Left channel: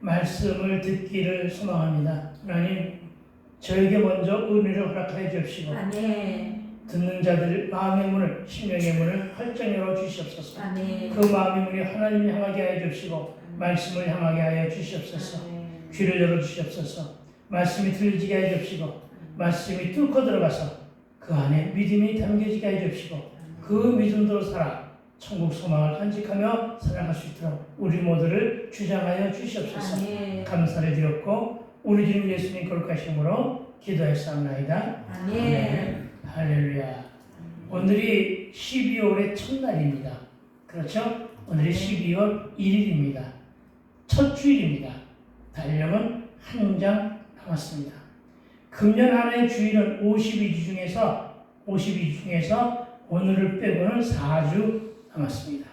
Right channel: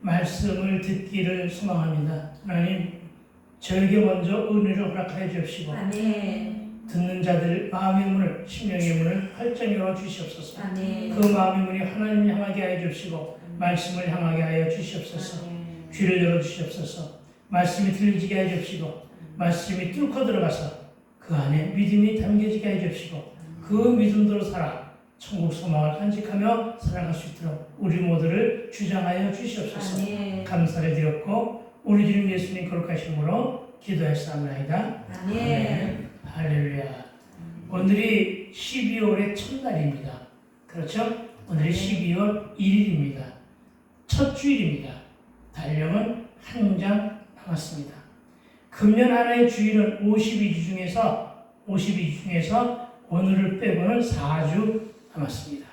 말씀을 듣기를 소망합니다. 하나님, 저에게 먼저 은혜를 허락하여 주시고 듣는 자들 마음의 문을, 심령의 문을 활짝 열어 주시옵소서. 그 마음의 문이 하나님을 향하게 하여 주시고 말씀을 향하게 하여 주시옵소서. 귀를 열어 주시옵소서. 말씀이 들리게 하여 주시고 말씀이 뚫고 들어가서 그 안에 믿음이 담겨지게 하여 주시고 그 믿음대로 살아 천국 소망을 간직하며 살아갈 수 있도록 우리 모두를 주장하여 주시옵소서. 감사를 드렸고 우리 주님 예수님 거룩하심으로 기도했사옵나이다. 아멘. 할렐루야. 오늘이 12월의 첫날입니다. 그렇죠? 오늘이 12월 1일입니다. 첫 주일입니다. 달력은 한 장 남았습니다. 금년 한 해의 주일은 52주 중에서 오늘을 빼고는 4주 남았습니다.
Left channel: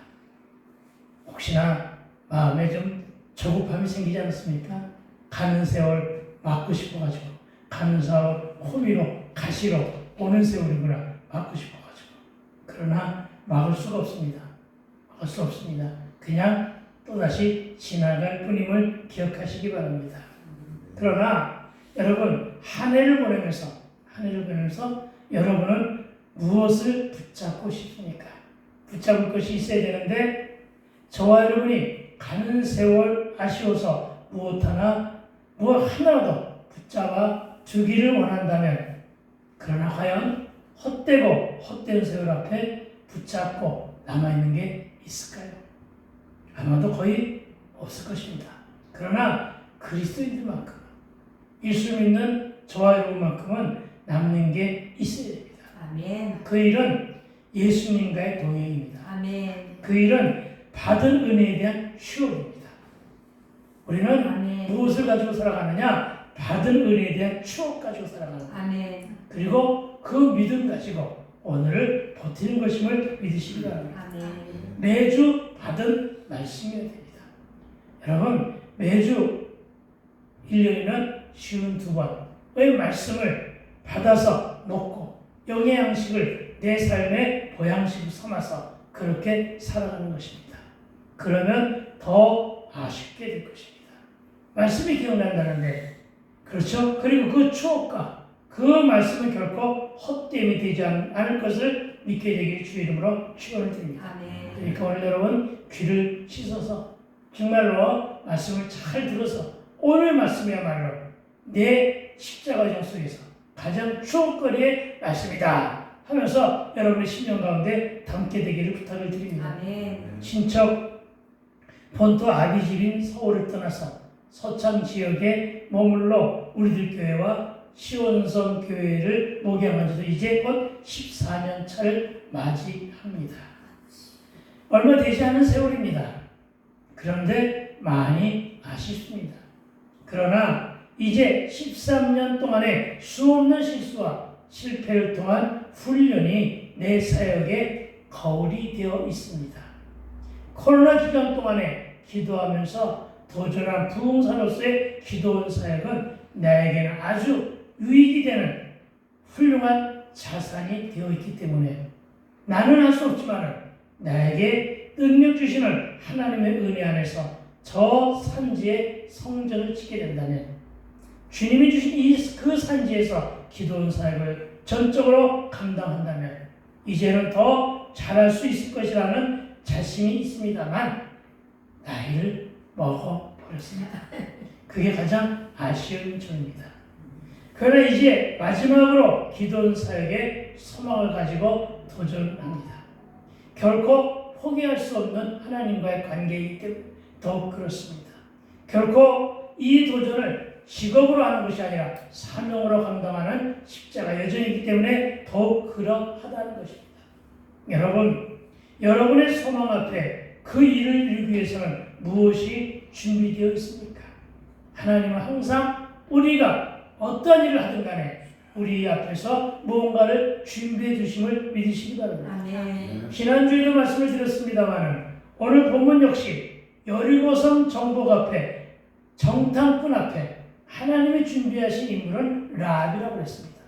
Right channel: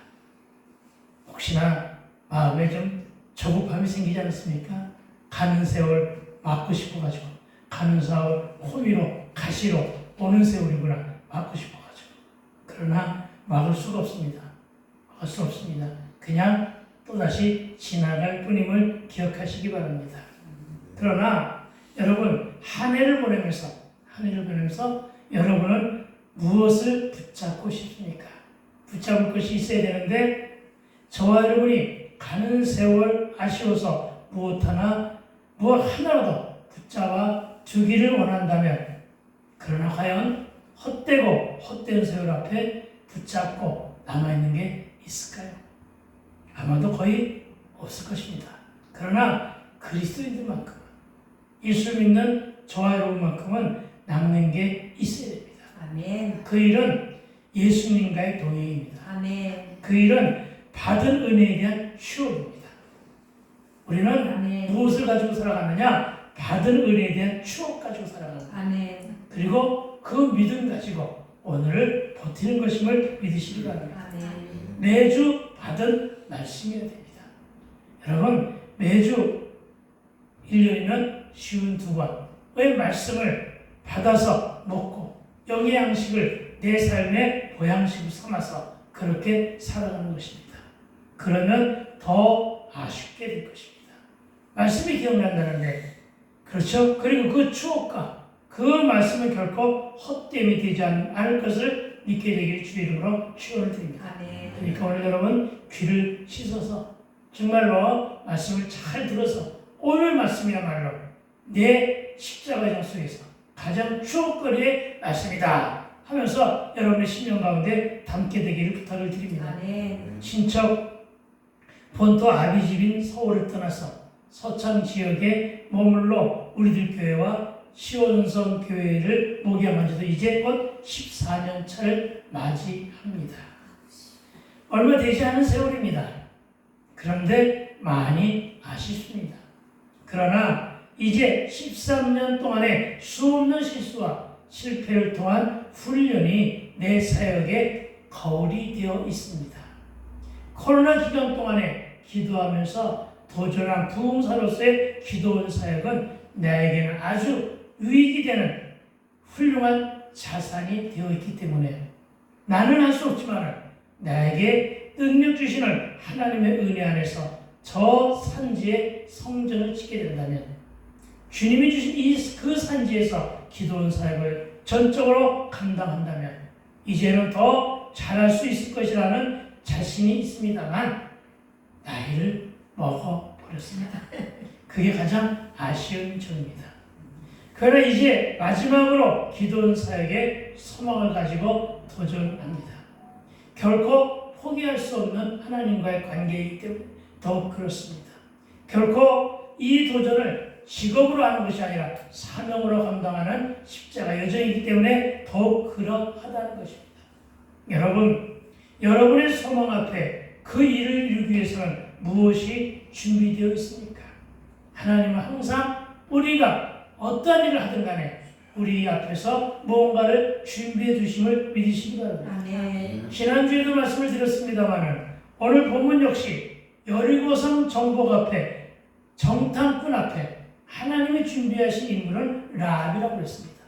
혹시나 마음에 좀 조급함이 생기지 않습니까? 가는 세월 막고 싶어가지고, 가는 세월 호미로 가시로 오는 세월이구나 막고 싶어가지고. 그러나 막을 수가 없습니다. 막을 수 없습니다. 그냥 또다시 지나갈 뿐임을 기억하시기 바랍니다. 그러나 여러분, 한 해를 보내면서 여러분은 무엇을 붙잡고 싶습니까? 붙잡을 것이 있어야 되는데 저와 여러분이 가는 세월 아쉬워서 무엇 하나라도 붙잡아 두기를 원한다면, 그러나 과연 헛된 세월 앞에 붙잡고 남아있는 게 있을까요? 아마도 거의 없을 것입니다. 그러나 그리스도인들만큼, 예수 믿는 저와 여러분만큼은 남는 게 있어야 됩니다. 아멘. 그 일은 예수님과의 동행입니다. 아멘. 그 일은 받은 은혜에 대한 추억입니다. 우리는 아멘. 무엇을 가지고 살아가느냐? 받은 은혜에 대한 추억 가지고 살아가는 거예요. 아멘. 그리고 그 믿음 가지고 오늘을 버티는 것임을 믿으시기 바랍니다. 아멘. 매주 받은 말씀이어야 됩니다. 여러분, 매주 1년이면 52번의 말씀을 받아서 먹고 영의 양식을 내 삶의 보양식으로 삼아서 그렇게 살아가는 것입니다. 그러면 더 아쉽게 될 것입니다. 말씀이 기억난다는데, 그렇죠? 그리고 그 추억과 그 말씀은 결코 헛됨이 되지 않을 것을 믿게 되기를 주의 이름으로 축원을 드립니다. 아멘. 그러니까 오늘 여러분 귀를 씻어서 정말로 말씀을 잘 들어서 오늘 말씀이야말로 내 십자가의 속에서 가장 추억거리의 말씀이다 하면서 여러분의 심령 가운데 담게 되기를 부탁을 드립니다. 아멘. 친척 본토 아비집인 서울을 떠나서 서창 지역에 머물러 우리들 교회와 시원성 교회를 목양한 지도 이제 곧 14년 차를 맞이합니다. 얼마 되지 않은 세월입니다. 그런데 많이 아쉽습니다. 그러나 이제 13년 동안의 수없는 실수와 실패를 통한 훈련이 내 사역의 거울이 되어 있습니다. 코로나 기간 동안에 기도하면서 도전한 부흥사로서의 기도원 사역은 나에게는 아주 유익이 되는 훌륭한 자산이 되어 있기 때문에 나는 할 수 없지만 나에게 능력 주시는 하나님의 은혜 안에서 저 산지에 성전을 짓게 된다면 주님이 주신 그 산지에서 기도원 사역을 전적으로 감당한다면 이제는 더 잘할 수 있을 것이라는 자신이 있습니다만 나이를 먹어버렸습니다. 그게 가장 아쉬운 점입니다. 그러나 이제 마지막으로 기도원 사역의 소망을 가지고 도전합니다. 결코 포기할 수 없는 하나님과의 관계이기 때문에 더욱 그렇습니다. 결코 이 도전을 직업으로 하는 것이 아니라 사명으로 감당하는 십자가 여정이기 때문에 더욱 그러하다는 것입니다. 여러분, 여러분의 소망 앞에 그 일을 이루기 위해서는 무엇이 준비되어 있습니까? 하나님은 항상 우리가 어떤 일을 하든 간에 우리 앞에서 무언가를 준비해 주심을 믿으시기 바랍니다. 지난주에도 말씀을 드렸습니다만 오늘 본문 역시 여리고성 정복 앞에 정탐꾼 앞에 하나님이 준비하신 인물은 라합이라고 했습니다.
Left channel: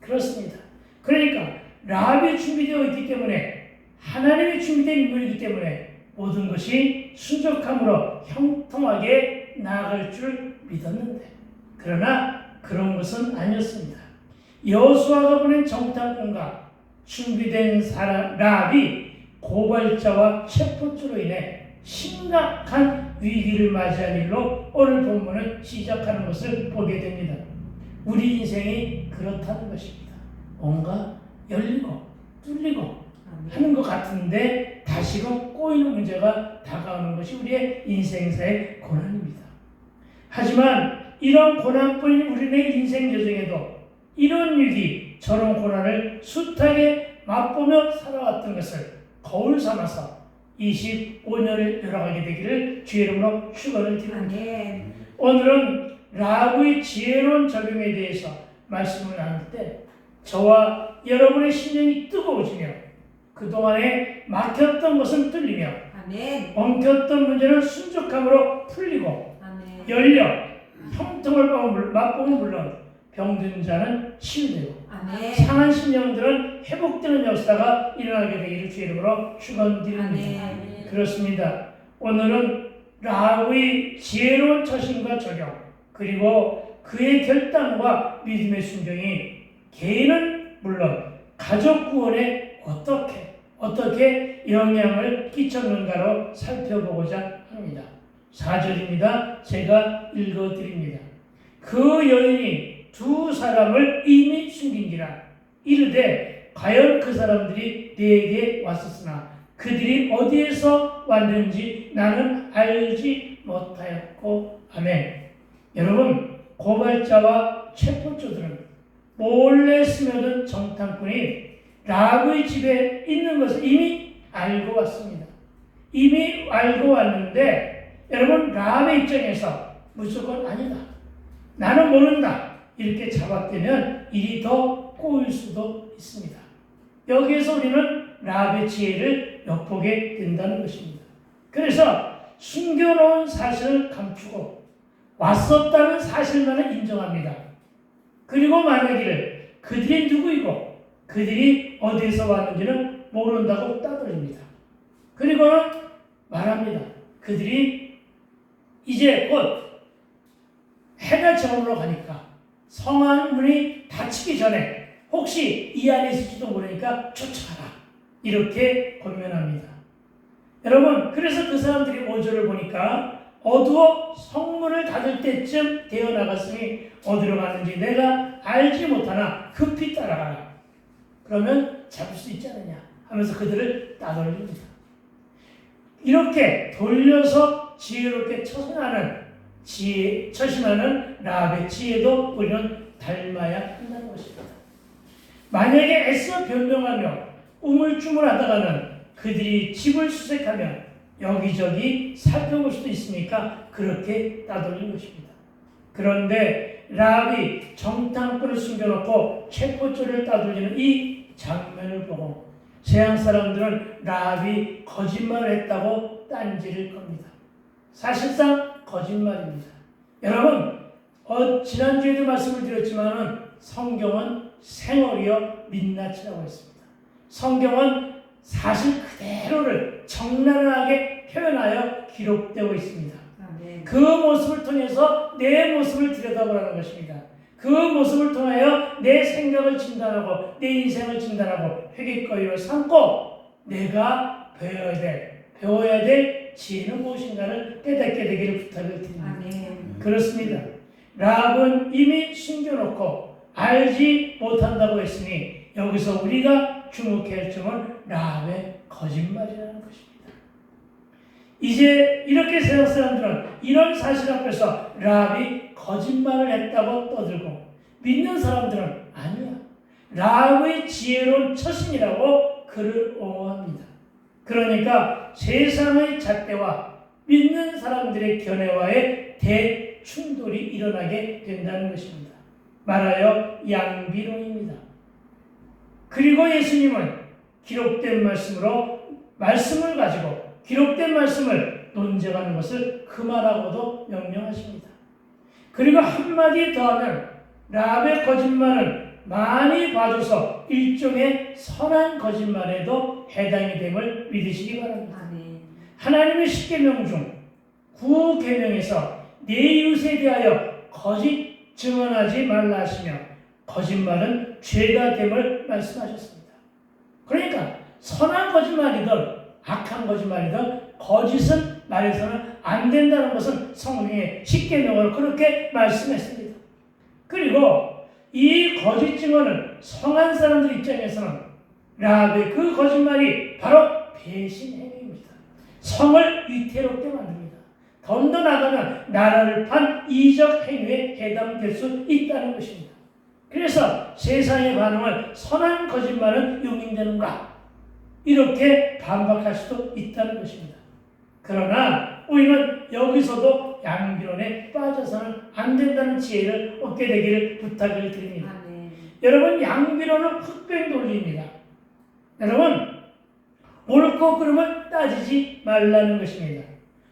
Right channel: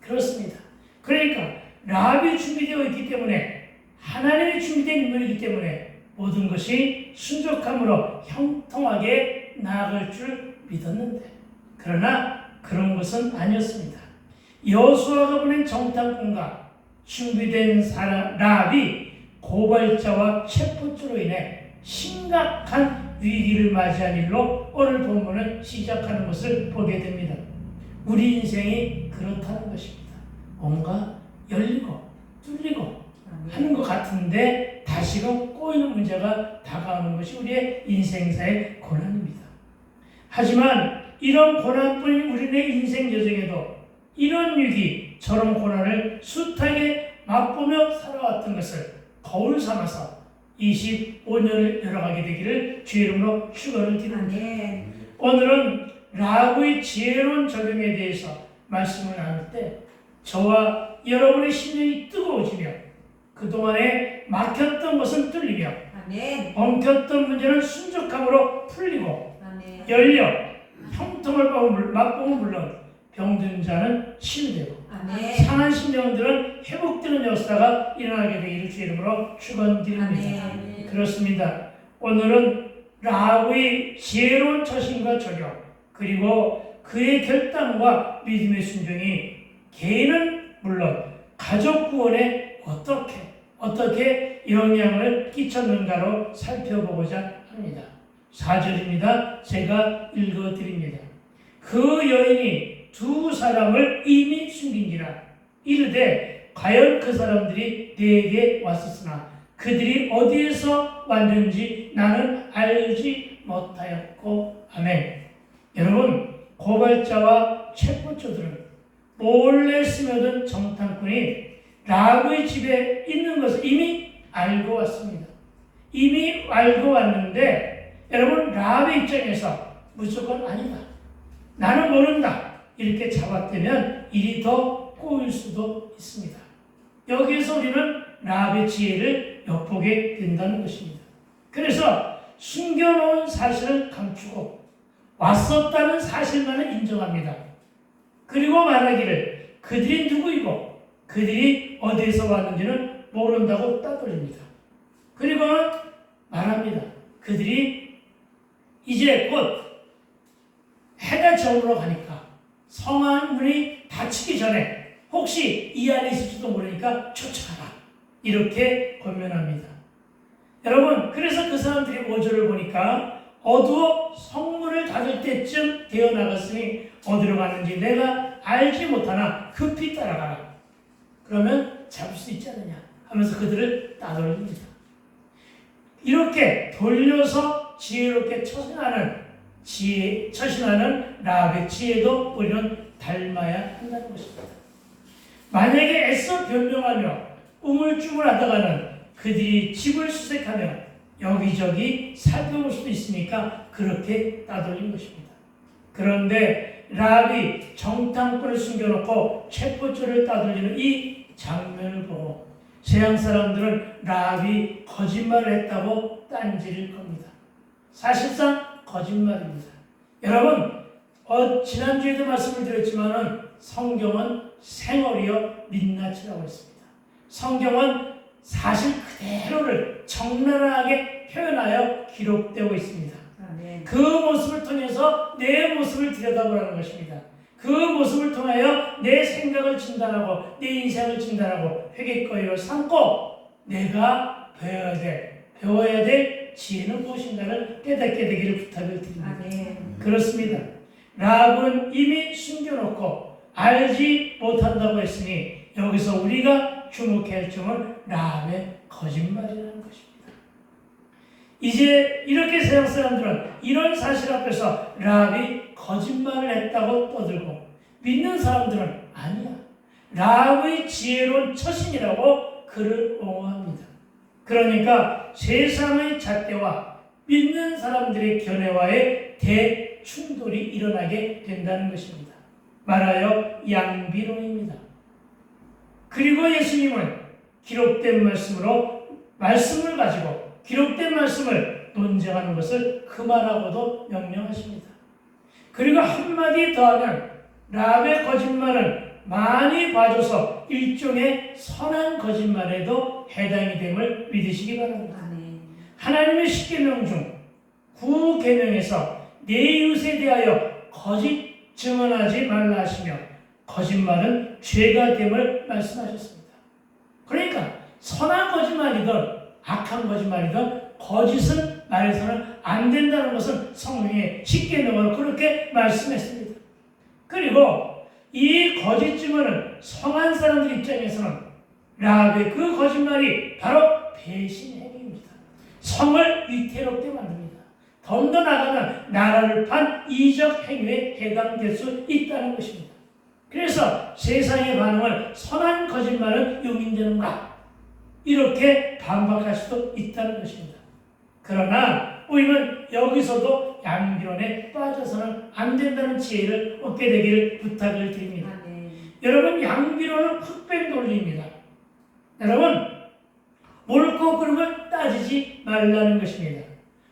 그렇습니다. 그러니까 라합이 준비되어 있기 때문에 하나님이 준비된 인물이기 때문에 모든 것이 순적함으로 형통하게 나아갈 줄 믿었는데 그러나 그런 것은 아니었습니다. 여호수아가 보낸 정탐꾼과 준비된 라합이 고발자와 체포죄로 인해 심각한 위기를 맞이한 일로 오늘 본문을 시작하는 것을 보게 됩니다. 우리 인생이 그렇다는 것입니다. 뭔가 열리고 뚫리고 하는 것 같은데 다시금 꼬이는 문제가 다가오는 것이 우리의 인생사의 고난입니다. 하지만 이런 고난뿐인 우리의 인생 여정에도 이런 위기, 저런 고난을 숱하게 맛보며 살아왔던 것을 거울 삼아서 25년을 열어가게 되기를 주의 이름으로 축원을 드립니다. 오늘은 라합의 지혜로운 적용에 대해서 말씀을 나눌 때 저와 여러분의 심령이 뜨거워지며 그동안에 막혔던 것은 뚫리며 엉켰던 문제는 순적함으로 풀리고 열려 형통을 맛보면 물론 병든 자는 치유되고 상한 심령들은 회복되는 역사가 일어나게 되기를 주의 이름으로 축원드립니다. 그렇습니다. 오늘은 라합의 지혜로운 처신과 적용 그리고 그의 결단과 믿음의 순종이 개인은 물론 가족 구원에 어떻게 영향을 끼쳤는가로 살펴보고자 합니다. 4절입니다. 제가 읽어드립니다. 그 여인이 두 사람을 이미 숨긴지라 이르되 과연 그 사람들이 내게 왔었으나 그들이 어디에서 왔는지 나는 알지 못하였고 아멘. 여러분, 고발자와 체포조들은 몰래 스며든 정탐꾼이 라합의 집에 있는 것을 이미 알고 왔습니다. 이미 알고 왔는데 여러분, 라합의 입장에서 무조건 아니다, 나는 모른다 이렇게 잡아떼면 일이 더 꼬일 수도 있습니다. 여기에서 우리는 라합의 지혜를 엿보게 된다는 것입니다. 그래서 숨겨놓은 사실을 감추고 왔었다는 사실만을 인정합니다. 그리고 말하기를 그들이 누구이고 그들이 어디에서 왔는지는 모른다고 따돌립니다. 그리고는 말합니다. 그들이 이제 곧 해가 저물어 가니까 성안 문이 닫히기 전에 혹시 이 안에 있을지도 모르니까 쫓아가라 이렇게 권면합니다. 여러분, 그래서 그 사람들이 5절을 보니까 어두워 성문을 닫을 때쯤 되어 나갔으니 어디로 가는지 내가 알지 못하나 급히 따라가라. 그러면 잡을 수 있지 않느냐 하면서 그들을 따돌립니다. 이렇게 돌려서 지혜롭게 처신하는 라합의 지혜도 우리는 닮아야 한다는 것입니다. 만약에 애써 변명하며 우물쭈물하다가는 그들이 집을 수색하며 여기저기 살펴볼 수도 있으니까 그렇게 따돌린 것입니다. 그런데 라합이 정탐꾼을 숨겨놓고 책포줄을 따돌리는 이 장면을 보고 세상 사람들은 라합이 거짓말을 했다고 딴지를 겁니다. 사실상 거짓말입니다. 여러분, 지난주에도 말씀을 드렸지만은 성경은 생얼이요 민낯이라고 했습니다. 성경은 사실 그대로를 적나라하게 표현하여 기록되고 있습니다. 그 모습을 통해서 내 모습을 들여다보라는 것입니다. 그 모습을 통하여 내 생각을 진단하고 내 인생을 진단하고 회개거리로 삼고 내가 배워야 될 지혜는 무엇인가를 깨닫게 되기를 부탁을 드립니다. 그렇습니다. 라합은 이미 숨겨놓고 알지 못한다고 했으니 여기서 우리가 주목해야 할 점은 라합의 거짓말이라는 것입니다. 이제 이렇게 세상 사람들은 이런 사실 앞에서 라합이 거짓말을 했다고 떠들고 믿는 사람들은 아니야, 라합의 지혜로운 처신이라고 그를 옹호합니다. 그러니까 세상의 잣대와 믿는 사람들의 견해와의 대충돌이 일어나게 된다는 것입니다. 말하여 양비론입니다. 그리고 예수님은 기록된 말씀을 가지고 기록된 말씀을 논쟁하는 것을 그만하고도 명령하십니다. 그리고 한마디 더하면 라합의 거짓말은 많이 봐줘서 일종의 선한 거짓말에도 해당이 됨을 믿으시기 바랍니다. 하나님의 10계명 중 9계명에서 내 이웃에 대하여 거짓 증언하지 말라 하시며 거짓말은 죄가 됨을 말씀하셨습니다. 그러니까 선한 거짓말이든 악한 거짓말이든 거짓은 말해서는 안 된다는 것은 성경의 10계명으로 그렇게 말씀했습니다. 그리고 이 거짓 증언은 성한 사람들 입장에서는 라합의 그 거짓말이 바로 배신 행위입니다. 성을 위태롭게 만듭니다. 더더 나아가면 나라를 판 이적 행위에 해당될 수 있다는 것입니다. 그래서 세상의 반응을 선한 거짓말은 용인되는가 이렇게 반박할 수도 있다는 것입니다. 그러나 우리는 여기서도 양비론에 빠져서는 안 된다는 지혜를 얻게 되기를 부탁을 드립니다. 여러분, 양비론은 흑백 논리입니다. 여러분, 옳고 그름을 따지지 말라는 것입니다.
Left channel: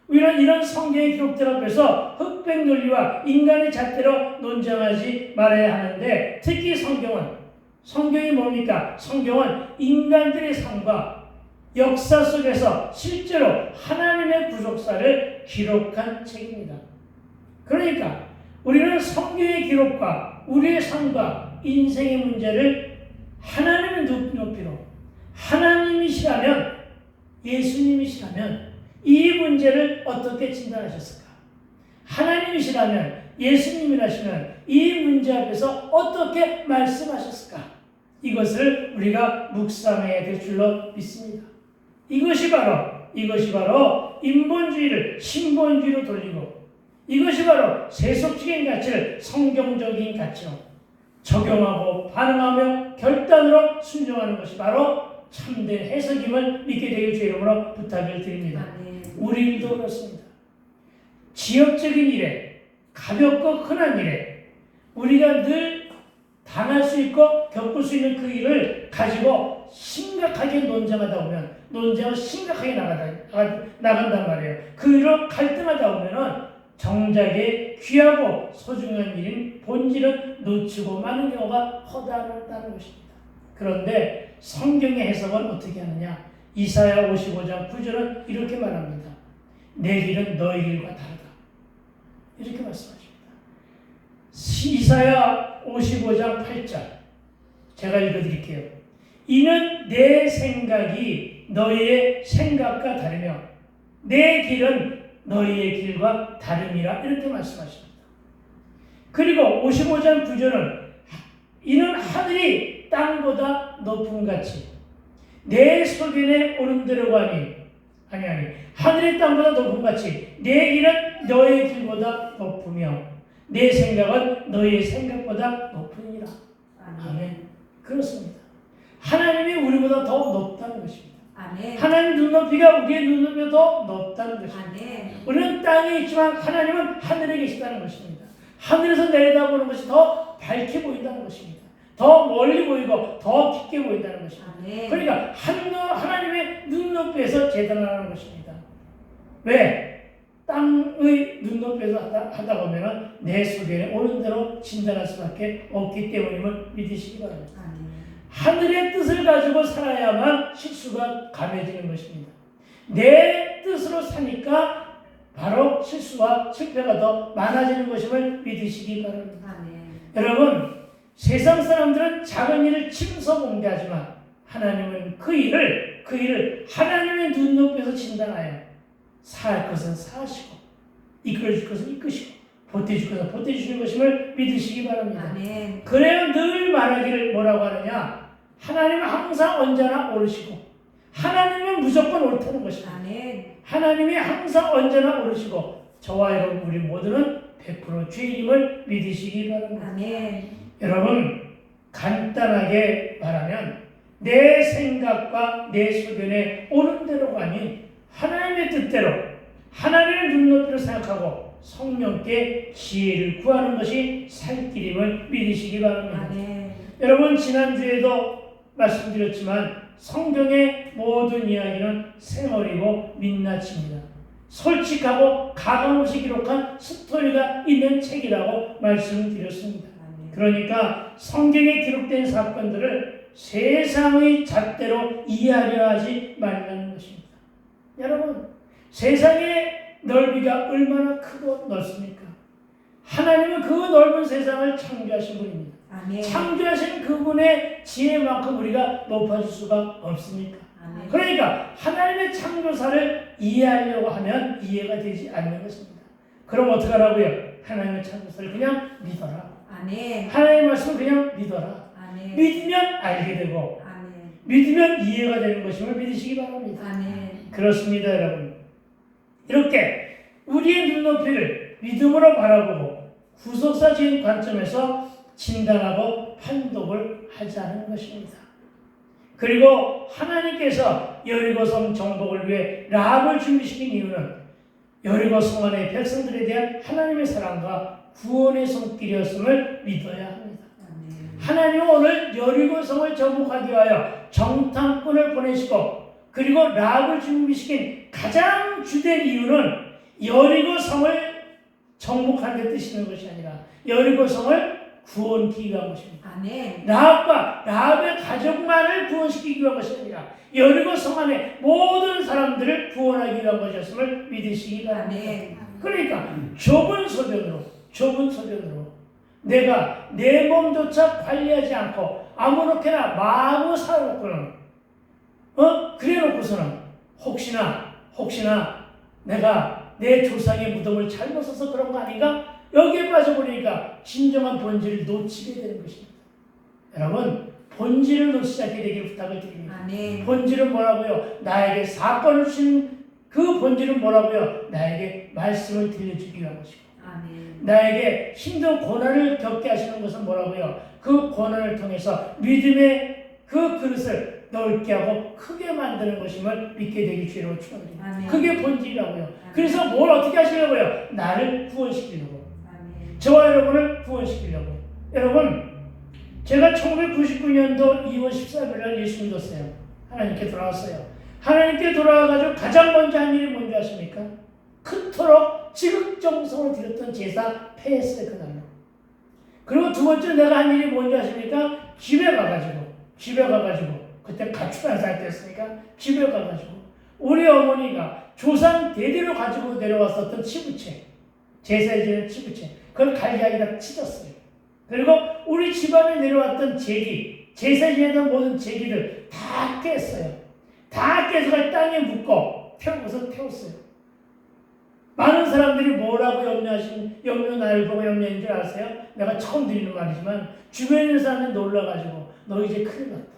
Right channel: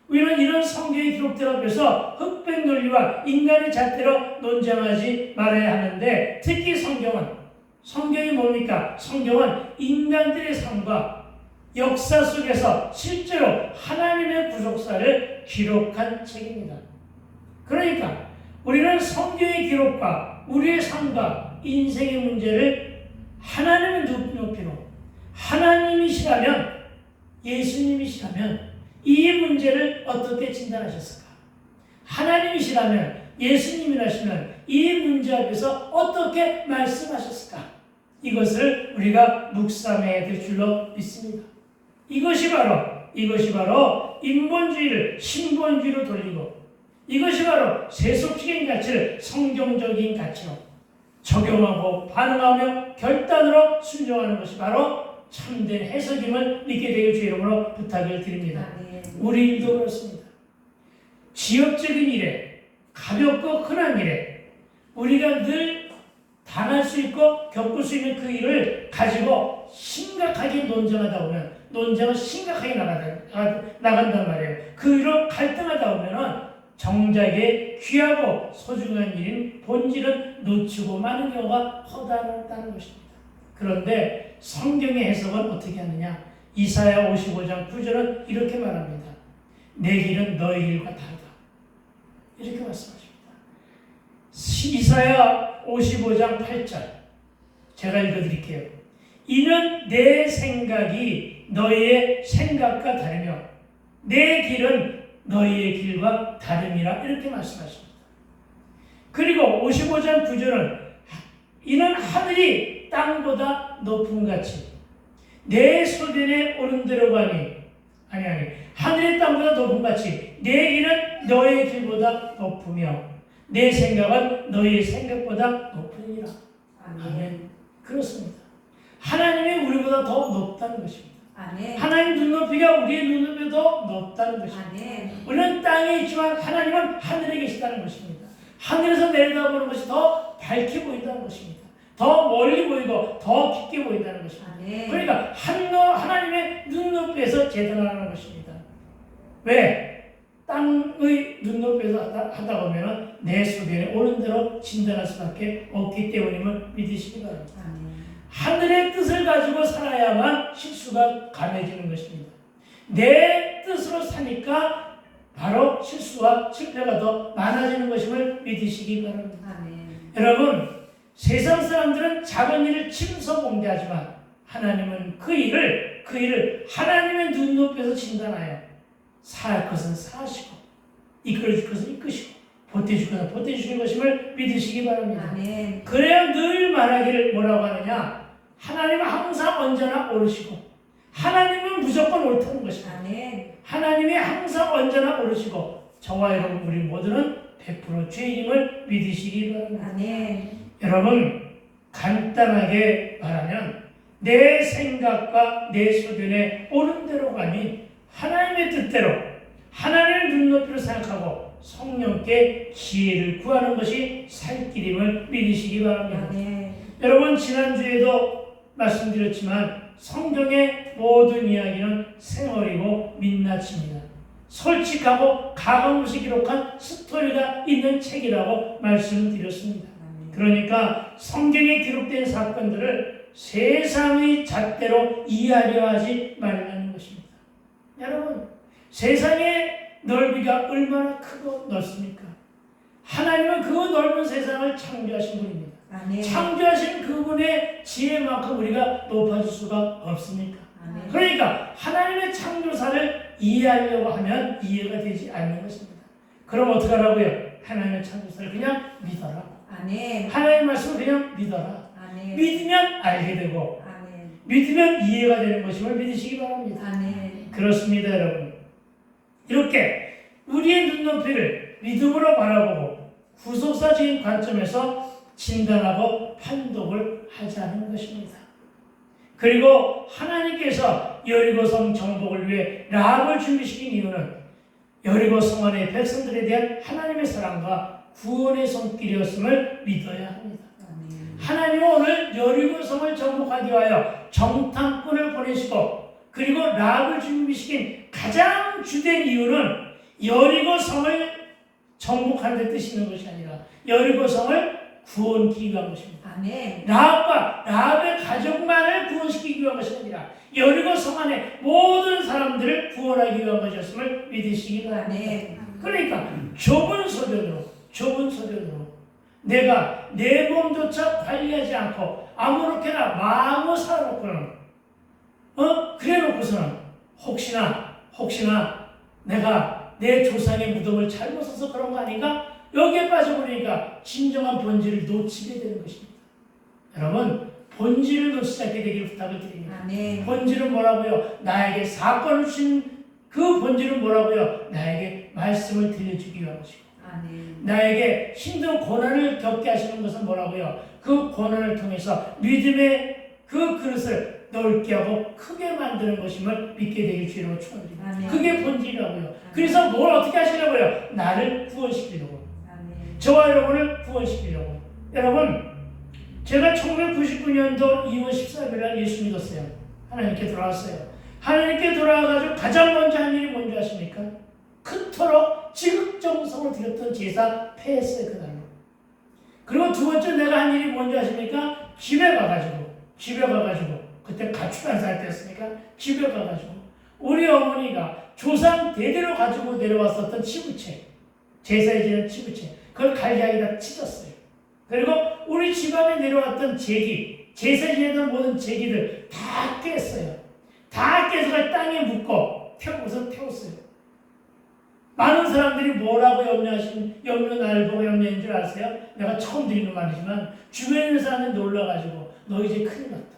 우리는 이런 성경의 기록들 앞에서 흑백 논리와 인간의 잣대로 논쟁하지 말아야 하는데, 특히 성경이 뭡니까? 성경은 인간들의 삶과 역사 속에서 실제로 하나님의 구속사를 기록한 책입니다. 그러니까 우리는 성경의 기록과 우리의 삶과 인생의 문제를 하나님의 높이로, 하나님이시라면, 예수님이시라면 이 문제를 어떻게 진단하셨을까? 하나님이시라면, 예수님이라시면 이 문제 앞에서 어떻게 말씀하셨을까? 이것을 우리가 묵상해야 될 줄로 믿습니다. 이것이 바로 인본주의를 신본주의로 돌리고, 이것이 바로 세속적인 가치를 성경적인 가치로 적용하고 반응하며 결단으로 순종하는 것이 바로 참된 해석임을 믿게 되길 주의 이름으로 부탁을 드립니다. 우리도 그렇습니다. 지역적인 일에, 가볍고 흔한 일에 우리가 늘 당할 수 있고 겪을 수 있는 그 일을 가지고 심각하게 논쟁하다 보면, 논쟁은 심각하게 나간단 말이에요. 그 일로 갈등하다 보면은 정작에 귀하고 소중한 일인 본질은 놓치고 마는 경우가 허다하다는 것입니다. 그런데 성경의 해석은 어떻게 하느냐? 이사야 55장 9절은 이렇게 말합니다. 내 길은 너희 길과 다르다. 이렇게 말씀하십니다. 이사야 55장 8절 제가 읽어드릴게요. 이는 내 생각이 너희의 생각과 다르며 내 길은 너희의 길과 다름이라 이렇게 말씀하십니다. 그리고 55장 9절은 이는 하늘이 땅보다 높음 같이 내 소견에 오른 대로 가니 아니 하늘의 땅보다 높음 같이 내 길은 너의 길보다 높으며 내 생각은 너의 생각보다 높으니라. 아멘. 그렇습니다. 하나님이 우리보다 더 높다는 것입니다. 아멘. 하나님 눈높이가 우리의 눈높이보다 더 높다는 것입니다. 아멘. 우리는 땅에 있지만 하나님은 하늘에 계시다는 것입니다. 하늘에서 내려다보는 것이 더 밝게 보인다는 것입니다. 더 멀리 보이고 더 깊게 보인다는 것입니다. 그러니까 하나님의 눈높이에서 재단하는 것입니다. 왜? 땅의 눈높이에서 하다 보면 내 소견에 옳은 대로 진단할 수밖에 없기 때문임을 믿으시기 바랍니다. 하늘의 뜻을 가지고 살아야만 실수가 감해지는 것입니다. 내 뜻으로 사니까 바로 실수와 실패가 더 많아지는 것임을 믿으시기 바랍니다. 여러분, 세상 사람들은 작은 일을 침소봉대하지만 하나님은 그 일을 하나님의 눈높이에서 진단하여 살 것은 사시고 이끌어줄 것은 이끄시고 보태줄 것은 보태주시는 것임을 믿으시기 바랍니다. 그래야 늘 말하기를 뭐라고 하느냐? 하나님은 항상 언제나 옳으시고 하나님은 무조건 옳다는 것입니다. 하나님이 항상 언제나 옳으시고 저와 여러분 우리 모두는 100% 죄인임을 믿으시기 바랍니다. 여러분, 간단하게 말하면 내 생각과 내 소견에 옳은 대로가 아닌 하나님의 뜻대로 하나님의 눈높이로 생각하고 성령께 지혜를 구하는 것이 살 길임을 믿으시기 바랍니다. 여러분, 지난주에도 말씀드렸지만 성경의 모든 이야기는 생얼이고 민낯입니다. 솔직하고 가감없이 기록한 스토리가 있는 책이라고 말씀드렸습니다. 그러니까 성경에 기록된 사건들을 세상의 잣대로 이해하려 하지 말라는 것입니다. 여러분, 세상의 넓이가 얼마나 크고 넓습니까? 하나님은 그 넓은 세상을 창조하신 분입니다. 창조하신 그분의 지혜만큼 우리가 높아질 수가 없습니까? 그러니까 하나님의 창조사를 이해하려고 하면 이해가 되지 않는 것입니다. 그럼 어떻게 하라고요? 하나님의 창조사를 그냥 믿어라. 하나님의 말씀을 그냥 믿어라. 믿으면 알게 되고 믿으면 이해가 되는 것임을 믿으시기 바랍니다. 그렇습니다, 여러분. 이렇게 우리의 눈높이를 믿음으로 바라보고 구속사적인 관점에서 진단하고 판독을 하자는 것입니다. 그리고 하나님께서 여리고성 정복을 위해 라합을 준비시킨 이유는 여리고성 안의 백성들에 대한 하나님의 사랑과 구원의 손길이었음을 믿어야 합니다. 하나님은 오늘 여리고성을 정복하기 위하여 정탐꾼을 보내시고 그리고 라합을 준비시킨 가장 주된 이유는 여리고성을 정복하는 데 뜻이는 것이 아니라 여리고성을 구원시키기 위한 것입니다. 라합과 라합의 가족만을 구원시키기 위한 것이 아니라 여리고성 안에 모든 사람들을 구원하기 위한 것이었음을 믿으시기 바랍니다. 그러니까 좁은 소견으로 내가 내 몸조차 관리하지 않고 아무렇게나 마음을 살아놓고는 그래놓고서는 혹시나 내가 내 조상의 무덤을 잘못 써서 그런 거 아닌가? 여기에 빠져버리니까 진정한 본질을 놓치게 되는 것입니다. 여러분, 본질을 놓치지 않게 되기를 부탁을 드립니다. 본질은 뭐라고요? 나에게 사건을 주신 그 본질은 뭐라고요? 나에게 말씀을 들려주기 위한 것이고 나에게 힘든 고난을 겪게 하시는 것은 뭐라고요? 그 고난을 통해서 믿음의 그 그릇을 넓게 하고 크게 만드는 것임을 믿게 되길 주로 축원드립니다. 그게 본질이라고요. 그래서 뭘 어떻게 하시려고요? 나를 구원시키려고. 저와 여러분을 구원시키려고. 여러분, 제가 1999년도 2월 14일 날 예수 믿었어요. 하나님께 돌아왔어요. 하나님께 돌아와가지고 가장 먼저 한 일이 뭔지 아십니까? 그토록 지극정성으로 드렸던 제사 폐했어요, 그날로. 그리고 두 번째 내가 한 일이 뭔지 아십니까? 집에 가가지고 그때 가출한 상태였으니까 집에 가가지고 우리 어머니가 조상 대대로 가지고 내려왔었던 치부채, 제사에 지는 치부채, 그걸 갈기하기다 찢었어요. 그리고 우리 집안에 내려왔던 제기, 제사에 지내던 모든 제기들 다 깼어요. 다 깨서 땅에 묻고 태웠어요. 많은 사람들이 뭐라고 나를 보고 염려인 줄 아세요? 내가 처음 드리는 말이지만 주변에 있는 사람들이 놀라가지고 너 이제 큰일 났다.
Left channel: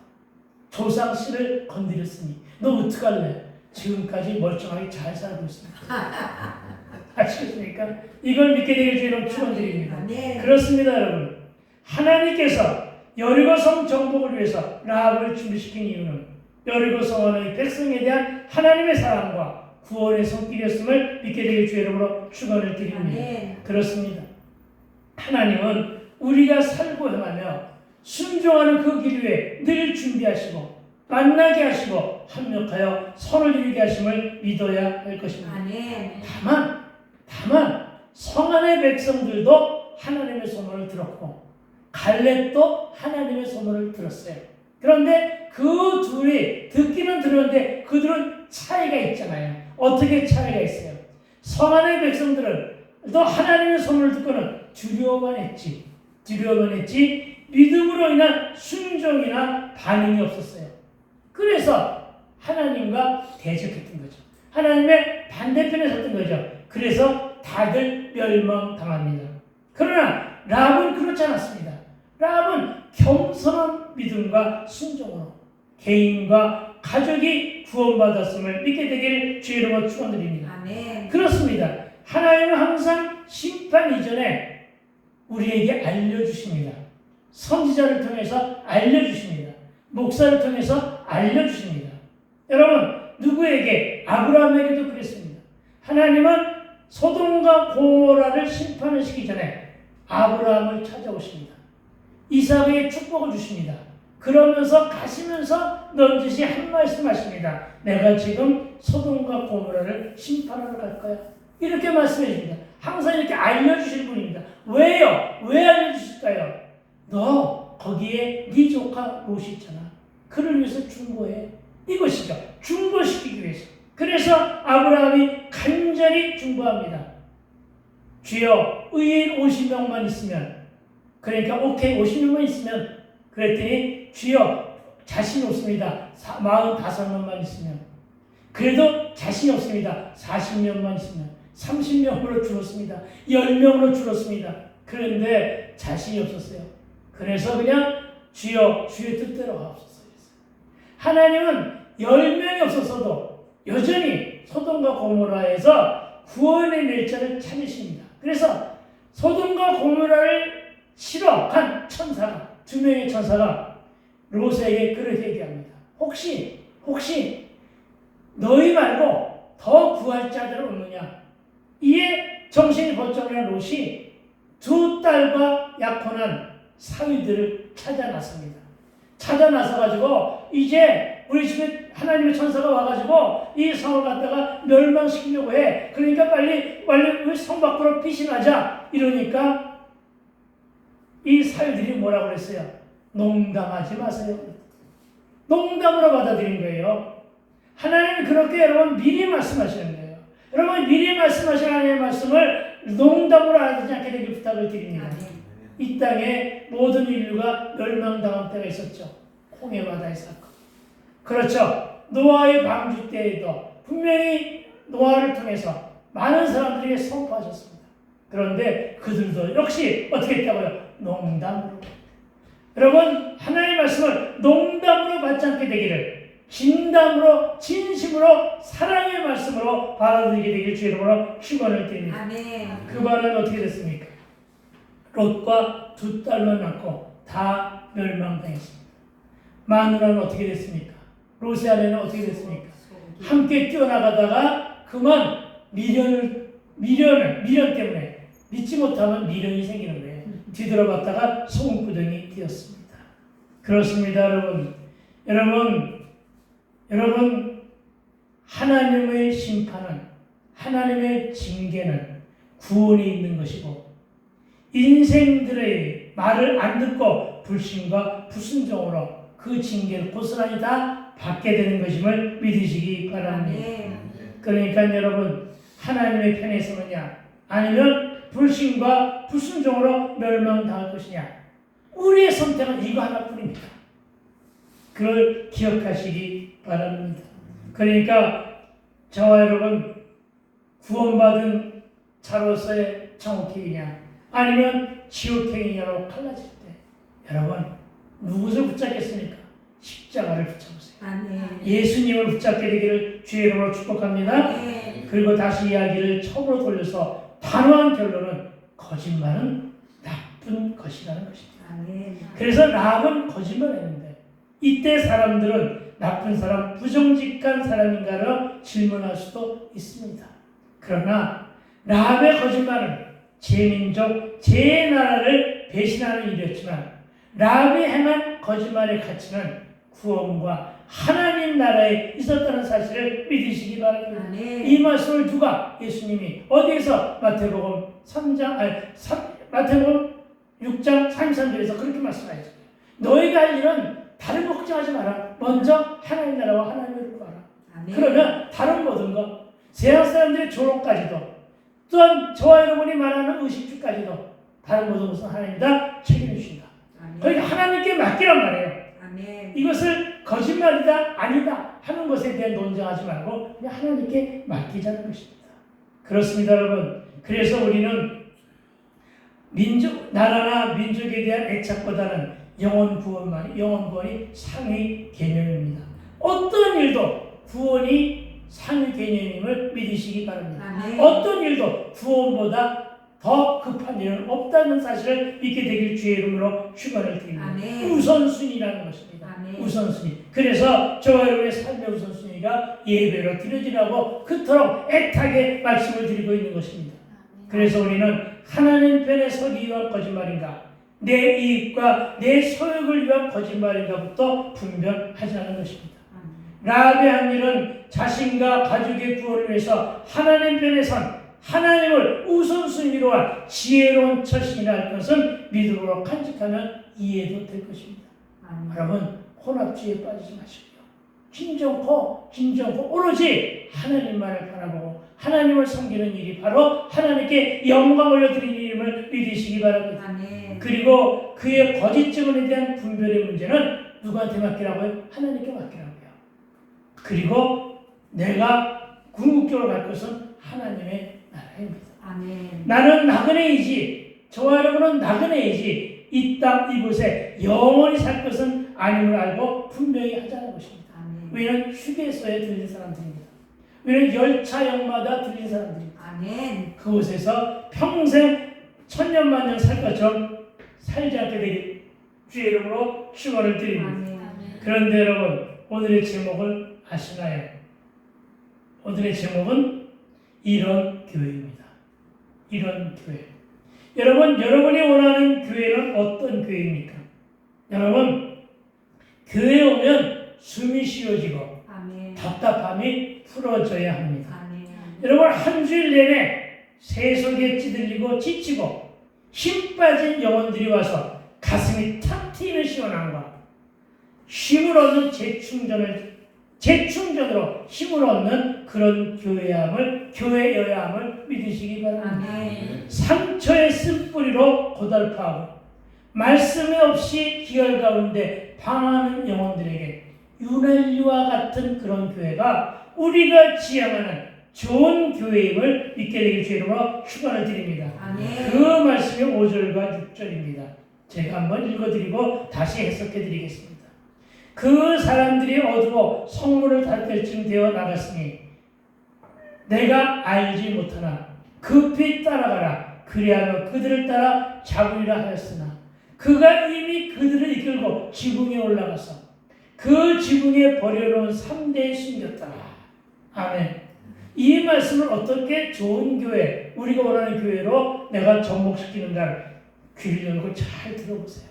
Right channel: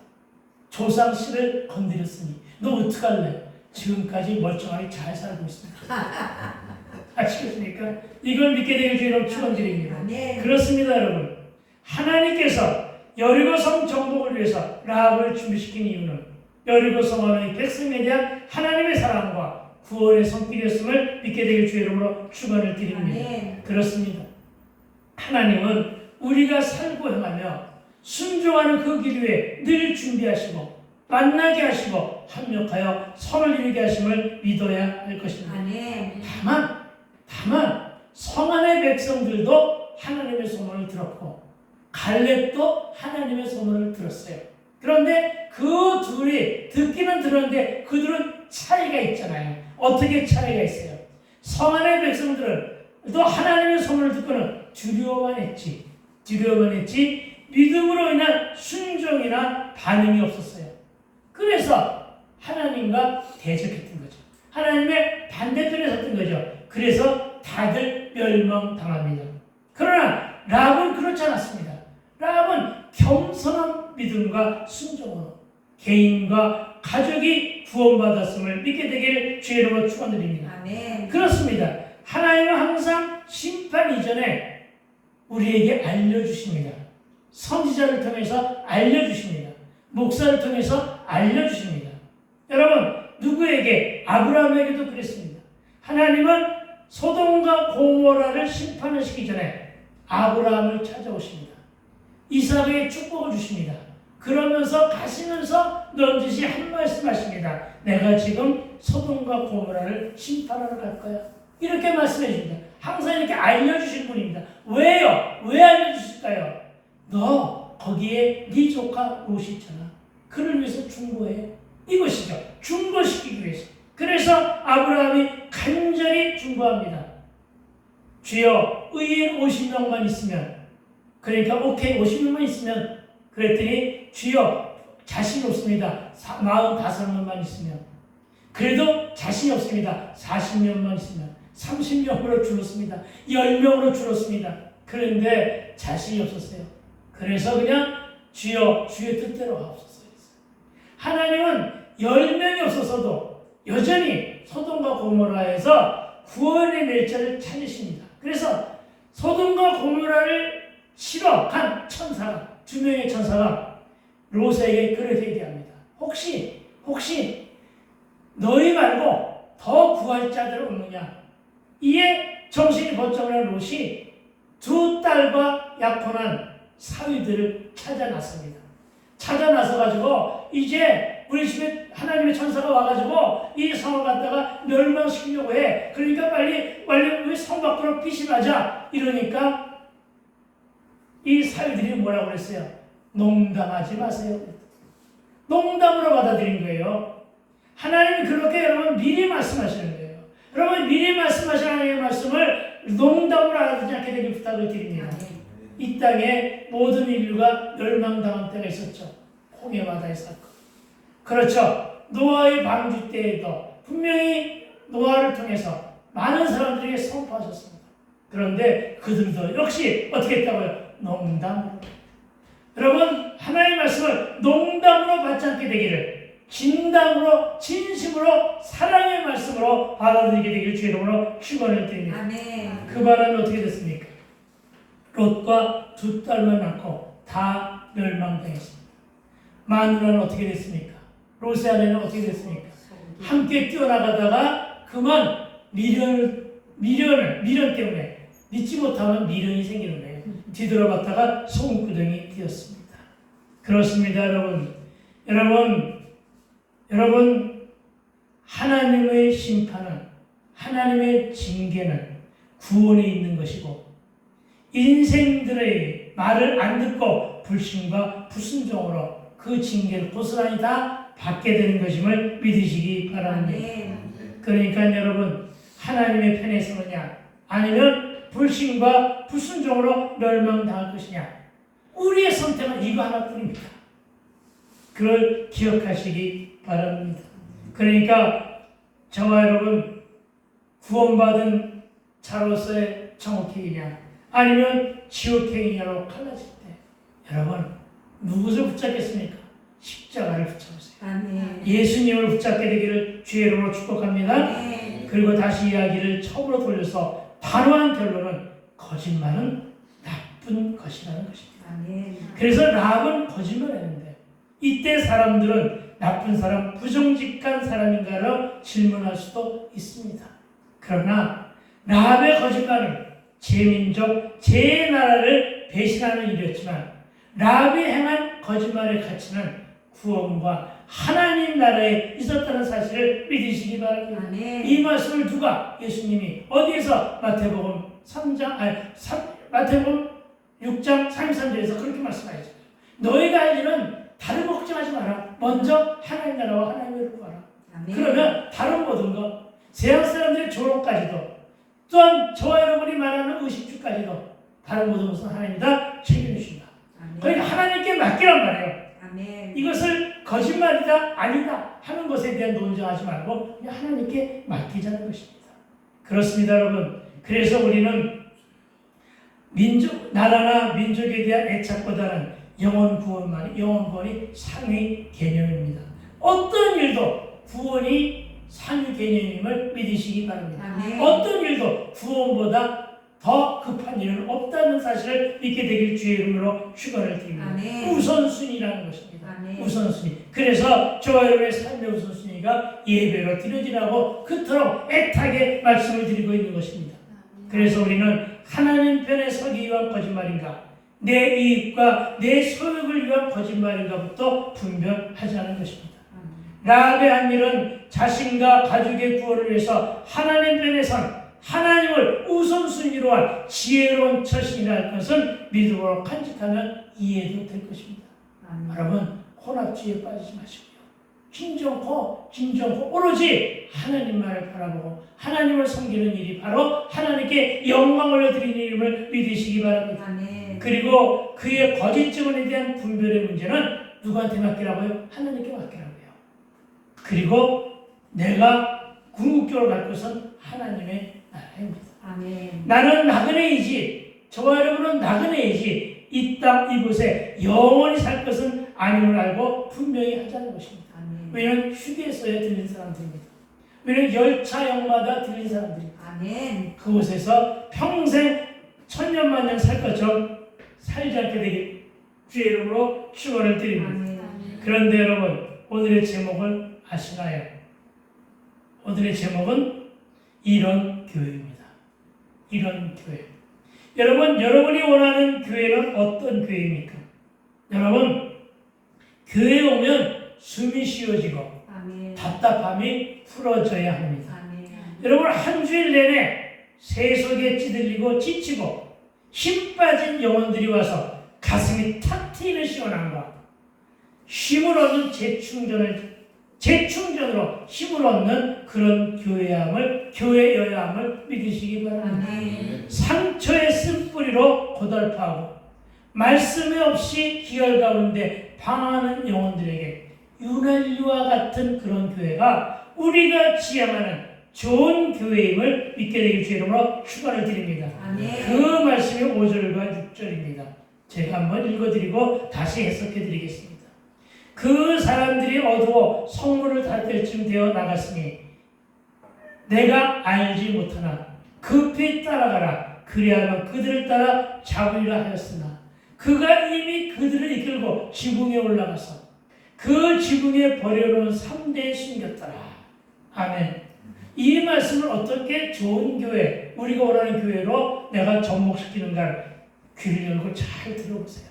조상 씨를 건드렸으니 너 어떡할래? 지금까지 멀쩡하게 잘 살고 있습니다. 아시겠습니까? 이걸 믿게 되길 주로 축원드립니다. 그렇습니다, 여러분. 하나님께서 여리고성 정복을 위해서 라합을 준비시킨 이유는 여리고성 안의 백성에 대한 하나님의 사랑과 구원의 손길이었음을 믿게 되길 주 이름으로 축원을 드립니다. 그렇습니다. 하나님은 우리가 살고 행하며 순종하는 그 길 위에 늘 준비하시고 만나게 하시고 합력하여 선을 이루게 하심을 믿어야 할 것입니다. 다만 성안의 백성들도 하나님의 소문을 들었고 갈렙도 하나님의 소문을 들었어요. 그런데 그 둘이 듣기는 들었는데 그들은 차이가 있잖아요. 어떻게 차이가 있어요? 성안의 백성들은 또 하나님의 소문을 듣고는 두려워만 했지 믿음으로 인한 순종이나 반응이 없었어요. 그래서 하나님과 대적했던 거죠. 하나님의 반대편에 섰던 거죠. 그래서 다들 멸망당합니다. 그러나 라합은 그렇지 않았습니다. 라합은 겸손한 믿음과 순종으로 개인과 가족이 구원받았음을 믿게 되기를 주의 이름으로 축원드립니다. 그렇습니다. 하나님은 항상 심판 이전에 우리에게 알려주십니다. 선지자를 통해서 알려주십니다. 목사를 통해서 알려주십니다. 여러분, 누구에게? 아브라함에게도 그랬습니다. 하나님은 소돔과 고모라를 심판하시기 전에 아브라함을 찾아오십니다. 이삭에게 축복을 주십니다. 그러면서 가시면서 넌지시 한 말씀 하십니다. 내가 지금 소돔과 고모라를 심판하러 갈 거야. 이렇게 말씀해 줍니다. 항상 이렇게 알려주실 분입니다. 왜요? 왜 알려주실까요? 너 거기에 네 조카 롯이 있잖아. 그를 위해서 준 거예요. 이것이죠. 중보시키기 위해서. 그래서 아브라함이 간절히 중보합니다. 주여 의인 50명만 있으면, 그러니까 오케이 50명만 있으면, 그랬더니 주여 자신 없습니다. 45명만 있으면, 그래도 자신이 없습니다. 40명만 있으면, 30명으로 줄었습니다. 10명으로 줄었습니다. 그런데 자신이 없었어요. 그래서 그냥 주여 주의 뜻대로 하옵소서. 하나님은 10명이 없었어도 여전히 소돔과 고모라에서 구원의 날짜를 찾으십니다. 그래서 소돔과 고모라를 치러 간 천사가, 2명의 천사가 롯에게 그렇게 얘기합니다. 혹시 너희 말고 더 구할 자들 없느냐? 이에 정신이 번쩍 난 롯이 2 딸과 약혼한 사위들을 찾아 나섭니다. 찾아 나서가지고 이제 우리 집에 하나님의 천사가 와가지고 이 성을 갖다가 멸망시키려고 해. 그러니까 빨리 우리 성 밖으로 피신하자. 이러니까 이 사위들이 뭐라고 그랬어요? 농담하지 마세요. 농담으로 받아들인 거예요. 하나님은 그렇게 여러분 미리 말씀하시는 거예요. 여러분 미리 말씀하신 하나님의 말씀을 농담으로 알아듣지 않게 되길 부탁을 드립니다. 이 땅에 모든 인류가 멸망당한 때가 있었죠. 홍해 바다의 사건. 그렇죠. 노아의 방주 때에도 분명히 노아를 통해서 많은 사람들에게 선포하셨습니다. 그런데 그들도 역시 어떻게 했다고요? 농담으로. 여러분 하나님의 말씀을 농담으로 받지 않게 되기를 진담으로 진심으로 사랑의 말씀으로 받아들이게 되기를 주의 이름으로 축원을 드립니다. 그 바람에 어떻게 됐습니까? 롯과 2 딸만 낳고 다 멸망당했습니다. 마누라는 어떻게 됐습니까? 롯의 아내는 어떻게 됐습니까? 함께 뛰어나가다가 그만 미련 때문에 믿지 못하면 미련이 생기는 거예요. 뒤돌아봤다가 소금구덩이 뛰었습니다. 그렇습니다, 여러분 하나님의 심판은, 하나님의 징계는 구원이 있는 것이고 인생들의 말을 안 듣고 불신과 불순종으로 그 징계를 고스란히 다 받게 되는 것임을 믿으시기 바랍니다. 그러니까 여러분 하나님의 편에 서느냐 아니면 불신과 불순종으로 멸망당할 것이냐, 우리의 선택은 이거 하나뿐입니다. 그걸 기억하시기 바랍니다. 그러니까 저와 여러분 구원받은 자로서의 정옥행이냐 아니면 지옥행이냐로 갈라질 때 여러분 누구를 붙잡겠습니까? 십자가를 붙잡으세요. 예수님을 붙잡게 되기를 주의 이름으로 축복합니다. 그리고 다시 이야기를 처음으로 돌려서 단호한 결론은 거짓말은 나쁜 것이라는 것입니다. 그래서 라합은 거짓말했는데 이때 사람들은 나쁜 사람, 부정직한 사람인가를 질문할 수도 있습니다. 그러나 라합의 거짓말은 제 민족, 제 나라를 배신하는 일이었지만 라합이 행한 거짓말의 가치는 구원과 하나님 나라에 있었다는 사실을 믿으시기 바랍니다. 이 말씀을 누가? 예수님이 어디에서? 마태복음 6장 33절에서 그렇게 말씀하셨어요. 너희가 할 일은 다른 거 걱정하지 마라. 먼저 하나님 나라와 하나님을 구하라. 그러면 다른 모든 것, 세상 사람들의 조롱까지도, 또한 저와 여러분이 말하는 의식주까지도 다른 모든 것은 하나님이 다 책임주신다. 그러니까 하나님께 맡기란 말이에요. 이것을 거짓말이다 아니다 하는 것에 대한 논쟁하지 말고 그냥 하나님께 맡기자는 것입니다. 그렇습니다, 여러분. 그래서 우리는 나라나 민족에 대한 애착보다는 영혼 구원이 상위 개념입니다. 어떤 일도 구원이 상위 개념임을 믿으시기 바랍니다. 어떤 일도 구원보다 더 급한 일은 없다는 사실을 믿게 되길 주의 이름으로 축원을 드립니다. 우선순위라는 것입니다. 우선순위. 그래서 저와 여러분의 삶의 우선순위가 예배로 드려지라고 그토록 애타게 말씀을 드리고 있는 것입니다. 그래서 우리는 하나님 편에 서기 위한 거짓말인가, 내 이익과 내 소욕을 위한 거짓말인가부터 분별하자는 것입니다. 라합의 한 일은 자신과 가족의 구원을 위해서 하나님 편에 선 하나님을 우선순위로 한 지혜로운 처신이라 할 것은 믿음으로 간직하면 이해도 될 것입니다. 여러분, 혼합주의에 빠지지 마시고요. 진정코 오로지 하나님만을 바라보고 하나님을 섬기는 일이 바로 하나님께 영광을 올려드리는 일임을 믿으시기 바랍니다. 그리고 그의 거짓 증언에 대한 분별의 문제는 누구한테 맡기라고요? 하나님께 맡기라고요. 그리고 내가 궁극적으로 갈 것은 하나님의 나라입니다. 나는 나그네이지, 저와 여러분은 나그네이지, 이 땅 이곳에 영원히 살 것은 아님을 알고 분명히 하자는 것입니다. 왜냐하면 휴게소에 들린 사람들입니다. 왜냐하면 열차역마다 들린 사람들입니다. 그곳에서 평생 천년만년 살 것처럼 살지 않게 되길 주의 이름으로 축원을 드립니다. 그런데 여러분, 오늘의 제목을 아시나요? 오늘의 제목은 이런 교회입니다. 이런 교회. 여러분, 여러분이 원하는 교회는 어떤 교회입니까? 여러분, 교회에 오면 숨이 쉬어지고 답답함이 풀어져야 합니다. 여러분, 한 주일 내내 세속에 찌들리고 지치고 힘 빠진 영혼들이 와서 가슴이 탁 트이는 시원함과 쉼을 얻는 재충전으로 힘을 얻는 그런 교회여야 함을 믿으시기 바랍니다. 상처의 쓴뿌리로 고달파하고 말씀에 없이 기열 가운데 방황하는 영혼들에게 유난리와 같은 그런 교회가 우리가 지향하는 좋은 교회임을 믿게 되길 주의 이름으로 축원을 드립니다. 그 말씀이 5절과 6절입니다. 제가 한번 읽어드리고 다시 해석해드리겠습니다. 그 사람들이 어두워 성문을 닫을 쯤 되어 나갔으니 내가 알지 못하나 급히 따라가라. 그리하여 그들을 따라 잡으리라 하였으나 그가 이미 그들을 이끌고 지붕에 올라가서 그 지붕에 버려놓은 3대에 숨겼더라. 아멘. 이 말씀을 어떻게 좋은 교회, 우리가 원하는 교회로 내가 접목시키는가를 귀를 열고 잘 들어보세요.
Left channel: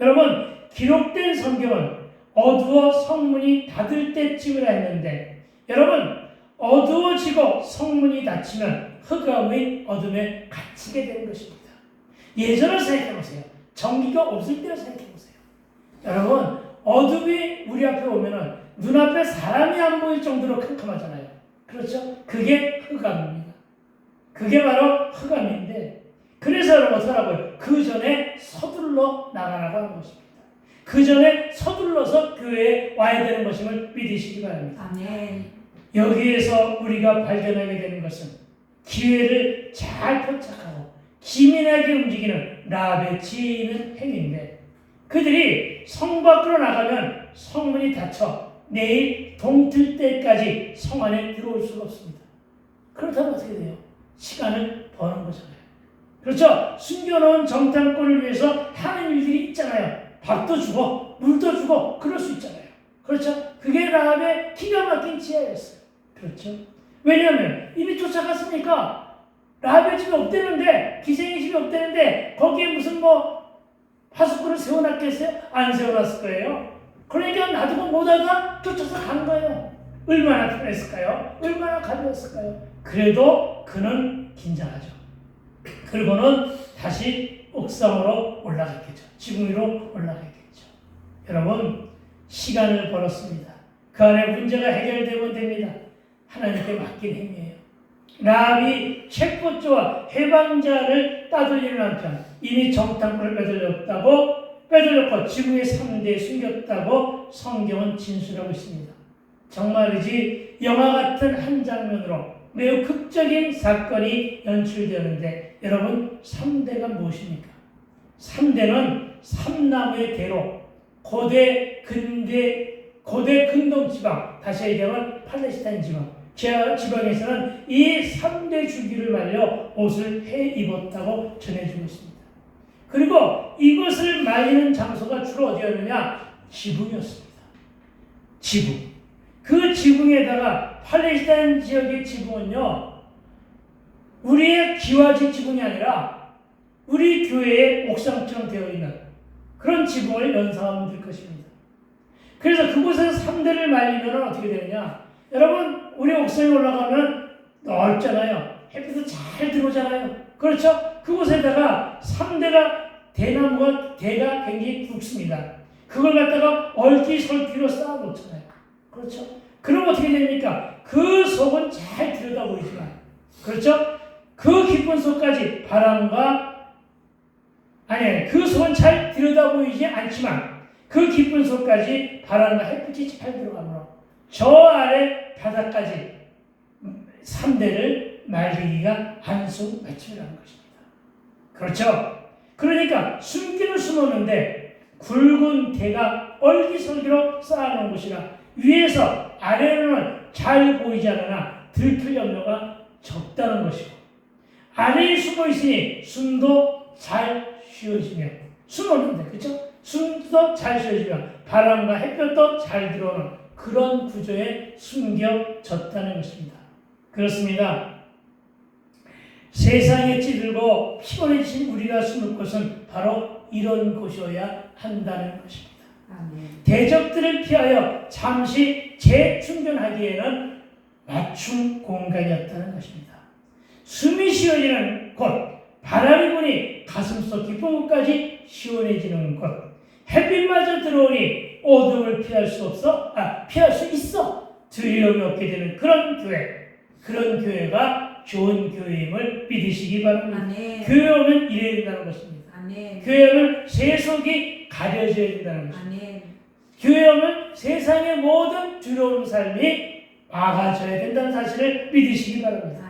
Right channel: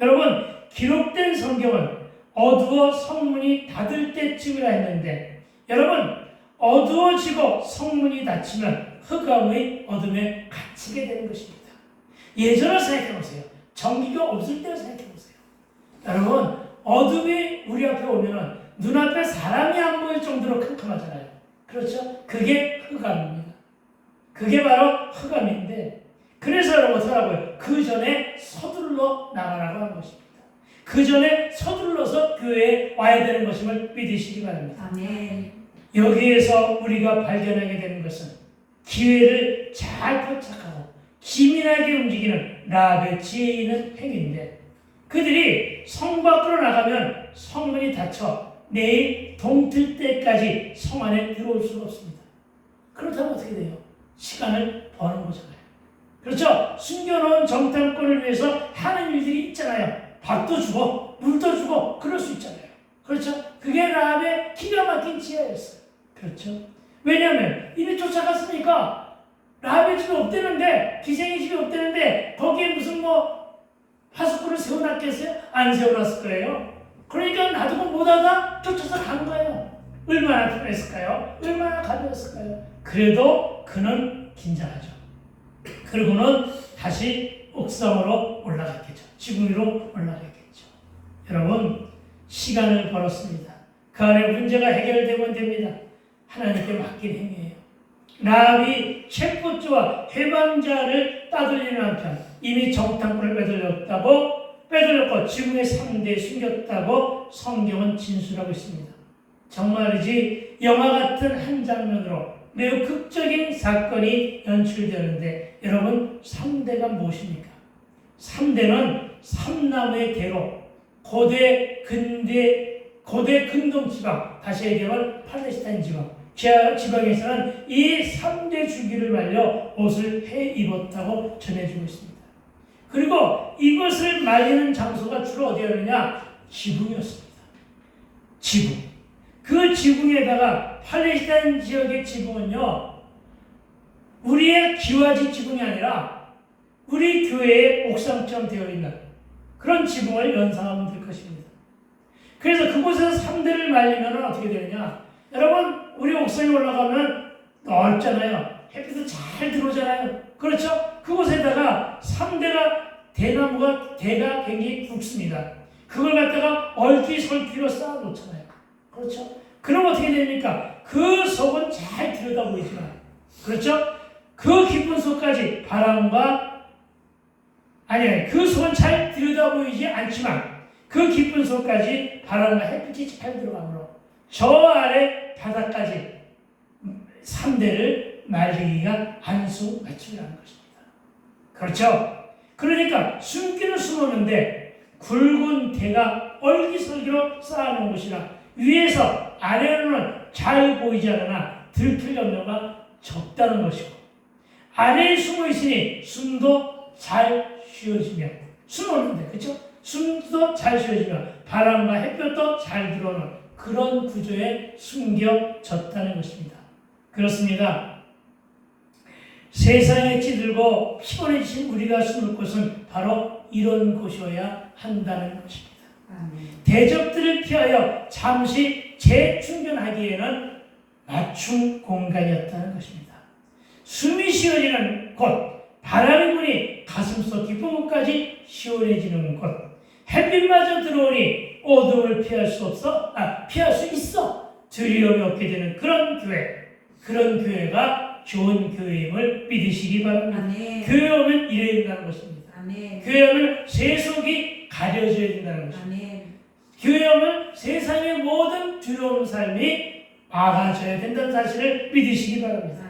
여러분, 기록된 성경은 어두워 성문이 닫을 때쯤이라 했는데, 여러분, 어두워지고 성문이 닫히면 흑암의 어둠에 갇히게 되는 것입니다. 예전을 생각해보세요. 전기가 없을 때를 생각해보세요. 여러분, 어둠이 우리 앞에 오면은 눈앞에 사람이 안 보일 정도로 캄캄하잖아요. 그렇죠? 그게 흑암입니다. 그게 바로 흑암인데, 그래서 여러분 어떡하라고요? 그 전에 서둘러 나가라고 하는 것입니다. 그 전에 서둘러서 교회에 와야 되는 것임을 믿으시기 바랍니다. 아멘. 여기에서 우리가 발견하게 되는 것은 기회를 잘 포착하고 기민하게 움직이는 라합의 지혜 있는 행위인데, 그들이 성 밖으로 나가면 성문이 닫혀 내일 동틀 때까지 성 안에 들어올 수가 없습니다. 그렇다면 어떻게 돼요? 시간을 버는 거잖아요. 그렇죠? 숨겨놓은 정탐꾼을 위해서 하는 일들이 있잖아요. 밥도 주고 물도 주고 그럴 수 있잖아요. 그렇죠? 그게 라합의 기가 막힌 지혜였어요. 그렇죠? 왜냐하면 이미 쫓아갔으니까 라합의 집에 없대는데, 기생의 집에 없대는데 거기에 무슨 파수꾼을 세워놨겠어요? 안 세워놨을 거예요. 그러니까 놔두고 못하다 쫓아서 간 거예요. 얼마나 편했을까요? 얼마나 가벼웠을까요? 그래도 그는 긴장하죠. 그리고는 다시 옥상으로 올라갔겠죠. 지붕 위로 올라갔겠죠. 여러분, 시간을 벌었습니다. 그 안에 문제가 해결되면 됩니다. 하나님께 맡긴 행위예요. 라합이 채권자와 해방자를 따돌리는 한편 이미 정탐꾼을 빼돌렸고 지붕의 상대에 숨겼다고 성경은 진술하고 있습니다. 정말이지 영화 같은 한 장면으로 매우 극적인 사건이 연출되는데, 여러분, 3대가 무엇입니까? 3대는 삼나무의 대로 고대 근동 지방, 다시 얘기하면 팔레스타인 지방에서는 이 3대 주기를 말려 옷을 해 입었다고 전해지고 있습니다. 그리고 이것을 말리는 장소가 주로 어디였느냐? 지붕이었습니다. 지붕. 그 지붕에다가 팔레스타인 지역의 지붕은요, 우리의 기와지 지붕이 아니라 우리 교회의 옥상처럼 되어 있는 그런 지붕을 연상하면 될 것입니다. 그래서 그곳에서 3대를 말리면 어떻게 되느냐? 여러분, 우리 옥상에 올라가면 넓잖아요. 햇빛도 잘 들어오잖아요. 그렇죠? 그곳에다가 3대가 대나무가 대가 굉장히 굵습니다. 그걸 갖다가 얼기설기로 쌓아 놓잖아요. 그렇죠? 그럼 어떻게 됩니까? 그 속은 잘 들여다 보이지만, 그렇죠? 그 깊은 속까지 그 속은 잘 들여다 보이지 않지만 그 깊은 속까지 바람과 햇빛이 잘 들어가므로 저 아래 바닥까지 3대를 말리기가 안성맞춤이라는 것입니다. 그렇죠? 그러니까 숨기는 숨었는데 굵은 대가 얼기설기로 쌓아놓은 곳이라 위에서 아래로는 잘 보이지 않으나 들킬 염려가 적다는 것이고, 아래에 숨어 있으니 숨도 잘 쉬어지며, 숨었는데, 그렇죠? 숨도 잘 쉬어지며 바람과 햇볕도 잘 들어오는 그런 구조에 숨겨졌다는 것입니다. 그렇습니다. 세상에 찌들고 피곤해진 우리가 숨을 곳은 바로 이런 곳이어야 한다는 것입니다. 대적들을 피하여 잠시 재충전하기에는 맞춤 공간이었다는 것입니다. 숨이 쉬어지는 곳, 바람이 부니 가슴속 깊은 곳까지 시원해지는 곳, 햇빛마저 들어오니 어둠을 피할 수 있어 두려움이 없게 되는 그런 교회가 좋은 교회임을 믿으시기 바랍니다. 교회 오면 이래야 된다는 것입니다. 교회 오면 세속이 가려져야 된다는 것입니다. 교회 오면 세상의 모든 두려운 삶이 막아져야 된다는 사실을 믿으시기 바랍니다.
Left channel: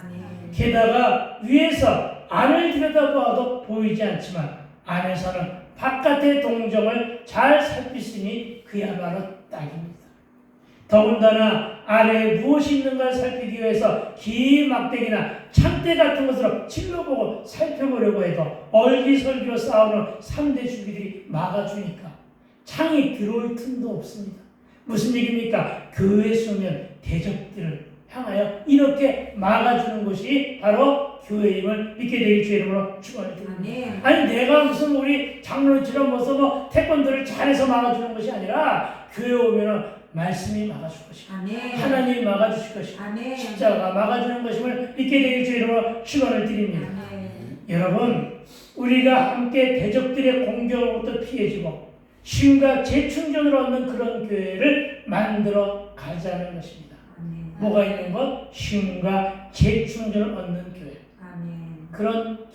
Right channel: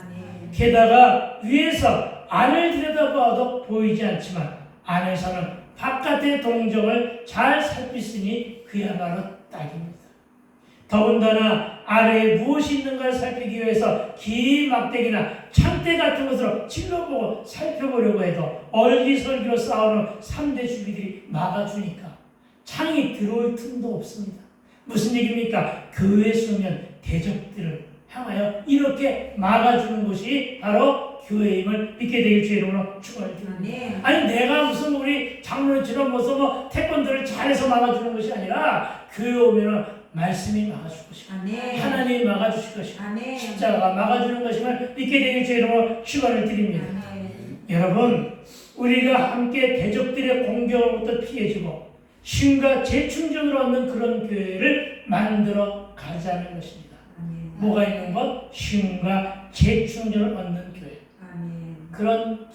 게다가 위에서 안을 들여다보아도 보이지 않지만 안에서는 바깥의 동정을 잘 살피시니 그야말로 딱입니다. 더군다나 아래에 무엇이 있는가 살피기 위해서 긴 막대기나 창대 같은 것으로 찔러보고 살펴보려고 해도 얼기설기로 싸우는 3대 주기들이 막아주니까 창이 들어올 틈도 없습니다. 무슨 얘기입니까? 교회에 서면 대적들을 향하여 이렇게 막아주는 것이 바로 교회임을 믿게 되길 주의 이름으로 축원드립니다. 아니 내가 무슨 우리 장로님처럼 태권도를 잘해서 막아주는 것이 아니라 교회 오면 말씀이 막아줄 것이고 하나님이 막아주실 것이고 십자가가 막아주는 것임을 믿게 되길 주의 이름으로 축원을 드립니다. 여러분, 우리가 함께 대적들의 공격으로부터 피해지고 쉼과 재충전을 얻는 그런 교회를 만들어 가자는 것입니다. 뭐가 있는 것? 쉼과 재충전을 얻는 교회. 그런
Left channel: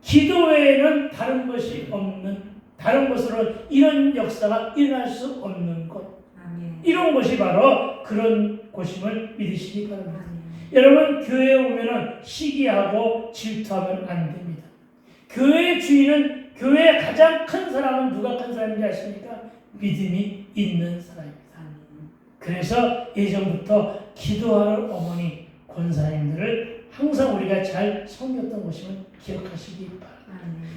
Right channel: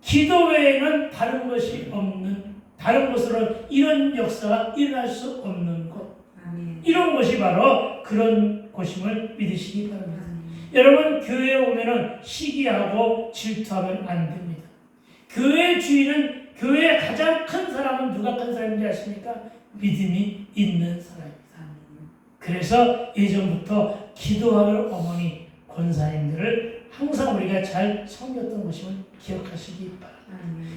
기도 외에는 다른 것이 없는, 다른 것으로 이런 역사가 일어날 수 없는 것. 이런 것이 바로 그런 곳임을 믿으시기 바랍니다. 여러분, 교회에 오면은 시기하고 질투하면 안 됩니다. 교회 주인은, 교회의 가장 큰 사람은 누가 큰 사람인지 아십니까? 믿음이 있는 사람입니다. 그래서 예전부터 기도하는 어머니 권사님들을 항상 우리가 잘 섬겼던 것임을 기억하시기 바랍니다.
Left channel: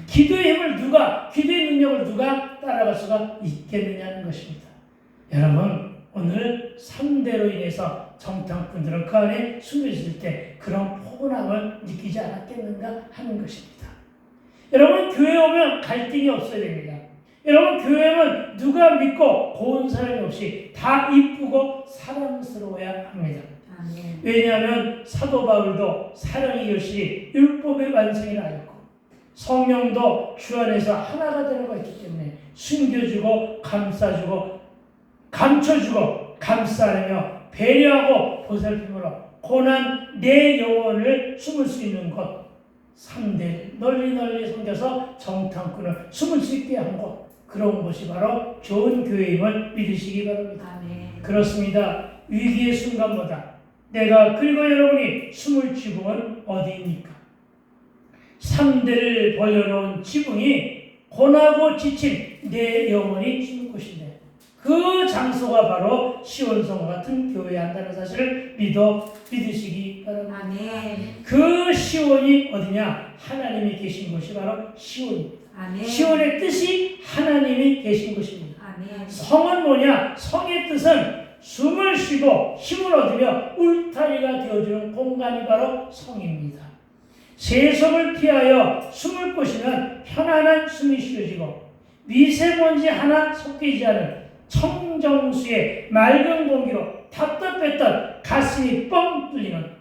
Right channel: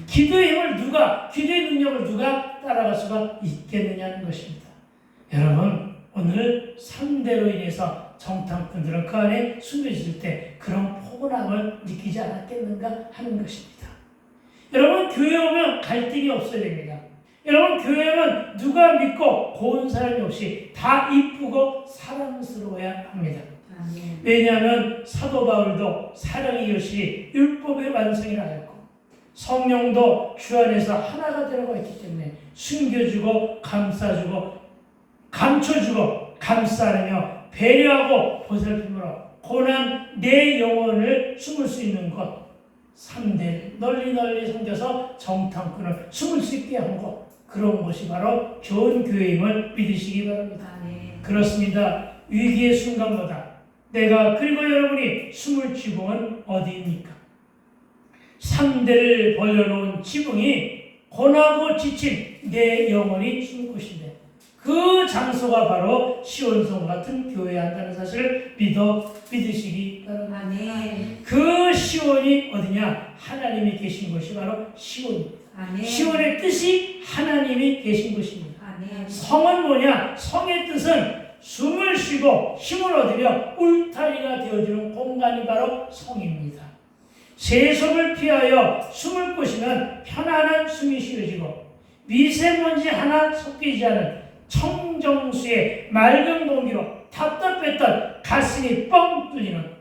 기도의 힘을 기도의 능력을 누가 따라갈 수가 있겠느냐는 것입니다. 여러분, 오늘 3대로 인해서 정탐꾼들은 그 안에 숨겨질 때 그런 포근함을 느끼지 않았겠는가 하는 것입니다. 여러분, 교회 오면 갈등이 없어야 됩니다. 여러분, 교회 오면 누가 믿고 고운 사람이 없이 다 이쁘고 사랑스러워야 합니다. 아멘. 왜냐하면 사도 바울도 사랑의 결실이 율법의 완성이라 하였고 성령도 주 안에서 하나가 되라고 했기 때문에 숨겨주고 감싸주고 감춰주고 감싸며 배려하고 보살핌으로 고난 내 영혼을 숨을 수 있는 곳 3대 널리 섬겨서 정탐꾼을 숨을 수 있게 한 곳 그런 곳이 바로 좋은 교회임을 믿으시기 바랍니다. 아멘. 그렇습니다. 위기의 순간마다 내가 그리고 여러분이 숨을 지붕은 어디입니까? 3대를 벌려놓은 지붕이 고나고 지친 내 영혼이 숨을 곳인데 그 장소가 바로 시온성 같은 교회야 한다는 사실을 믿으시기 바랍니다. 아멘. 그 시온이 어디냐? 하나님이 계신 곳이 바로 시온입니다. 아멘. 시온의 뜻이 하나님이 계신 곳입니다. 아멘. 성은 뭐냐? 성의 뜻은 숨을 쉬고 힘을 얻으며 울타리가 되어주는 공간이 바로 성입니다. 세속을 피하여 숨을 곳이면 편안한 숨이 쉬어지고 미세먼지 하나 섞이지 않은 청정수의 맑은 공기로 답답했던 가슴이 뻥 뚫리는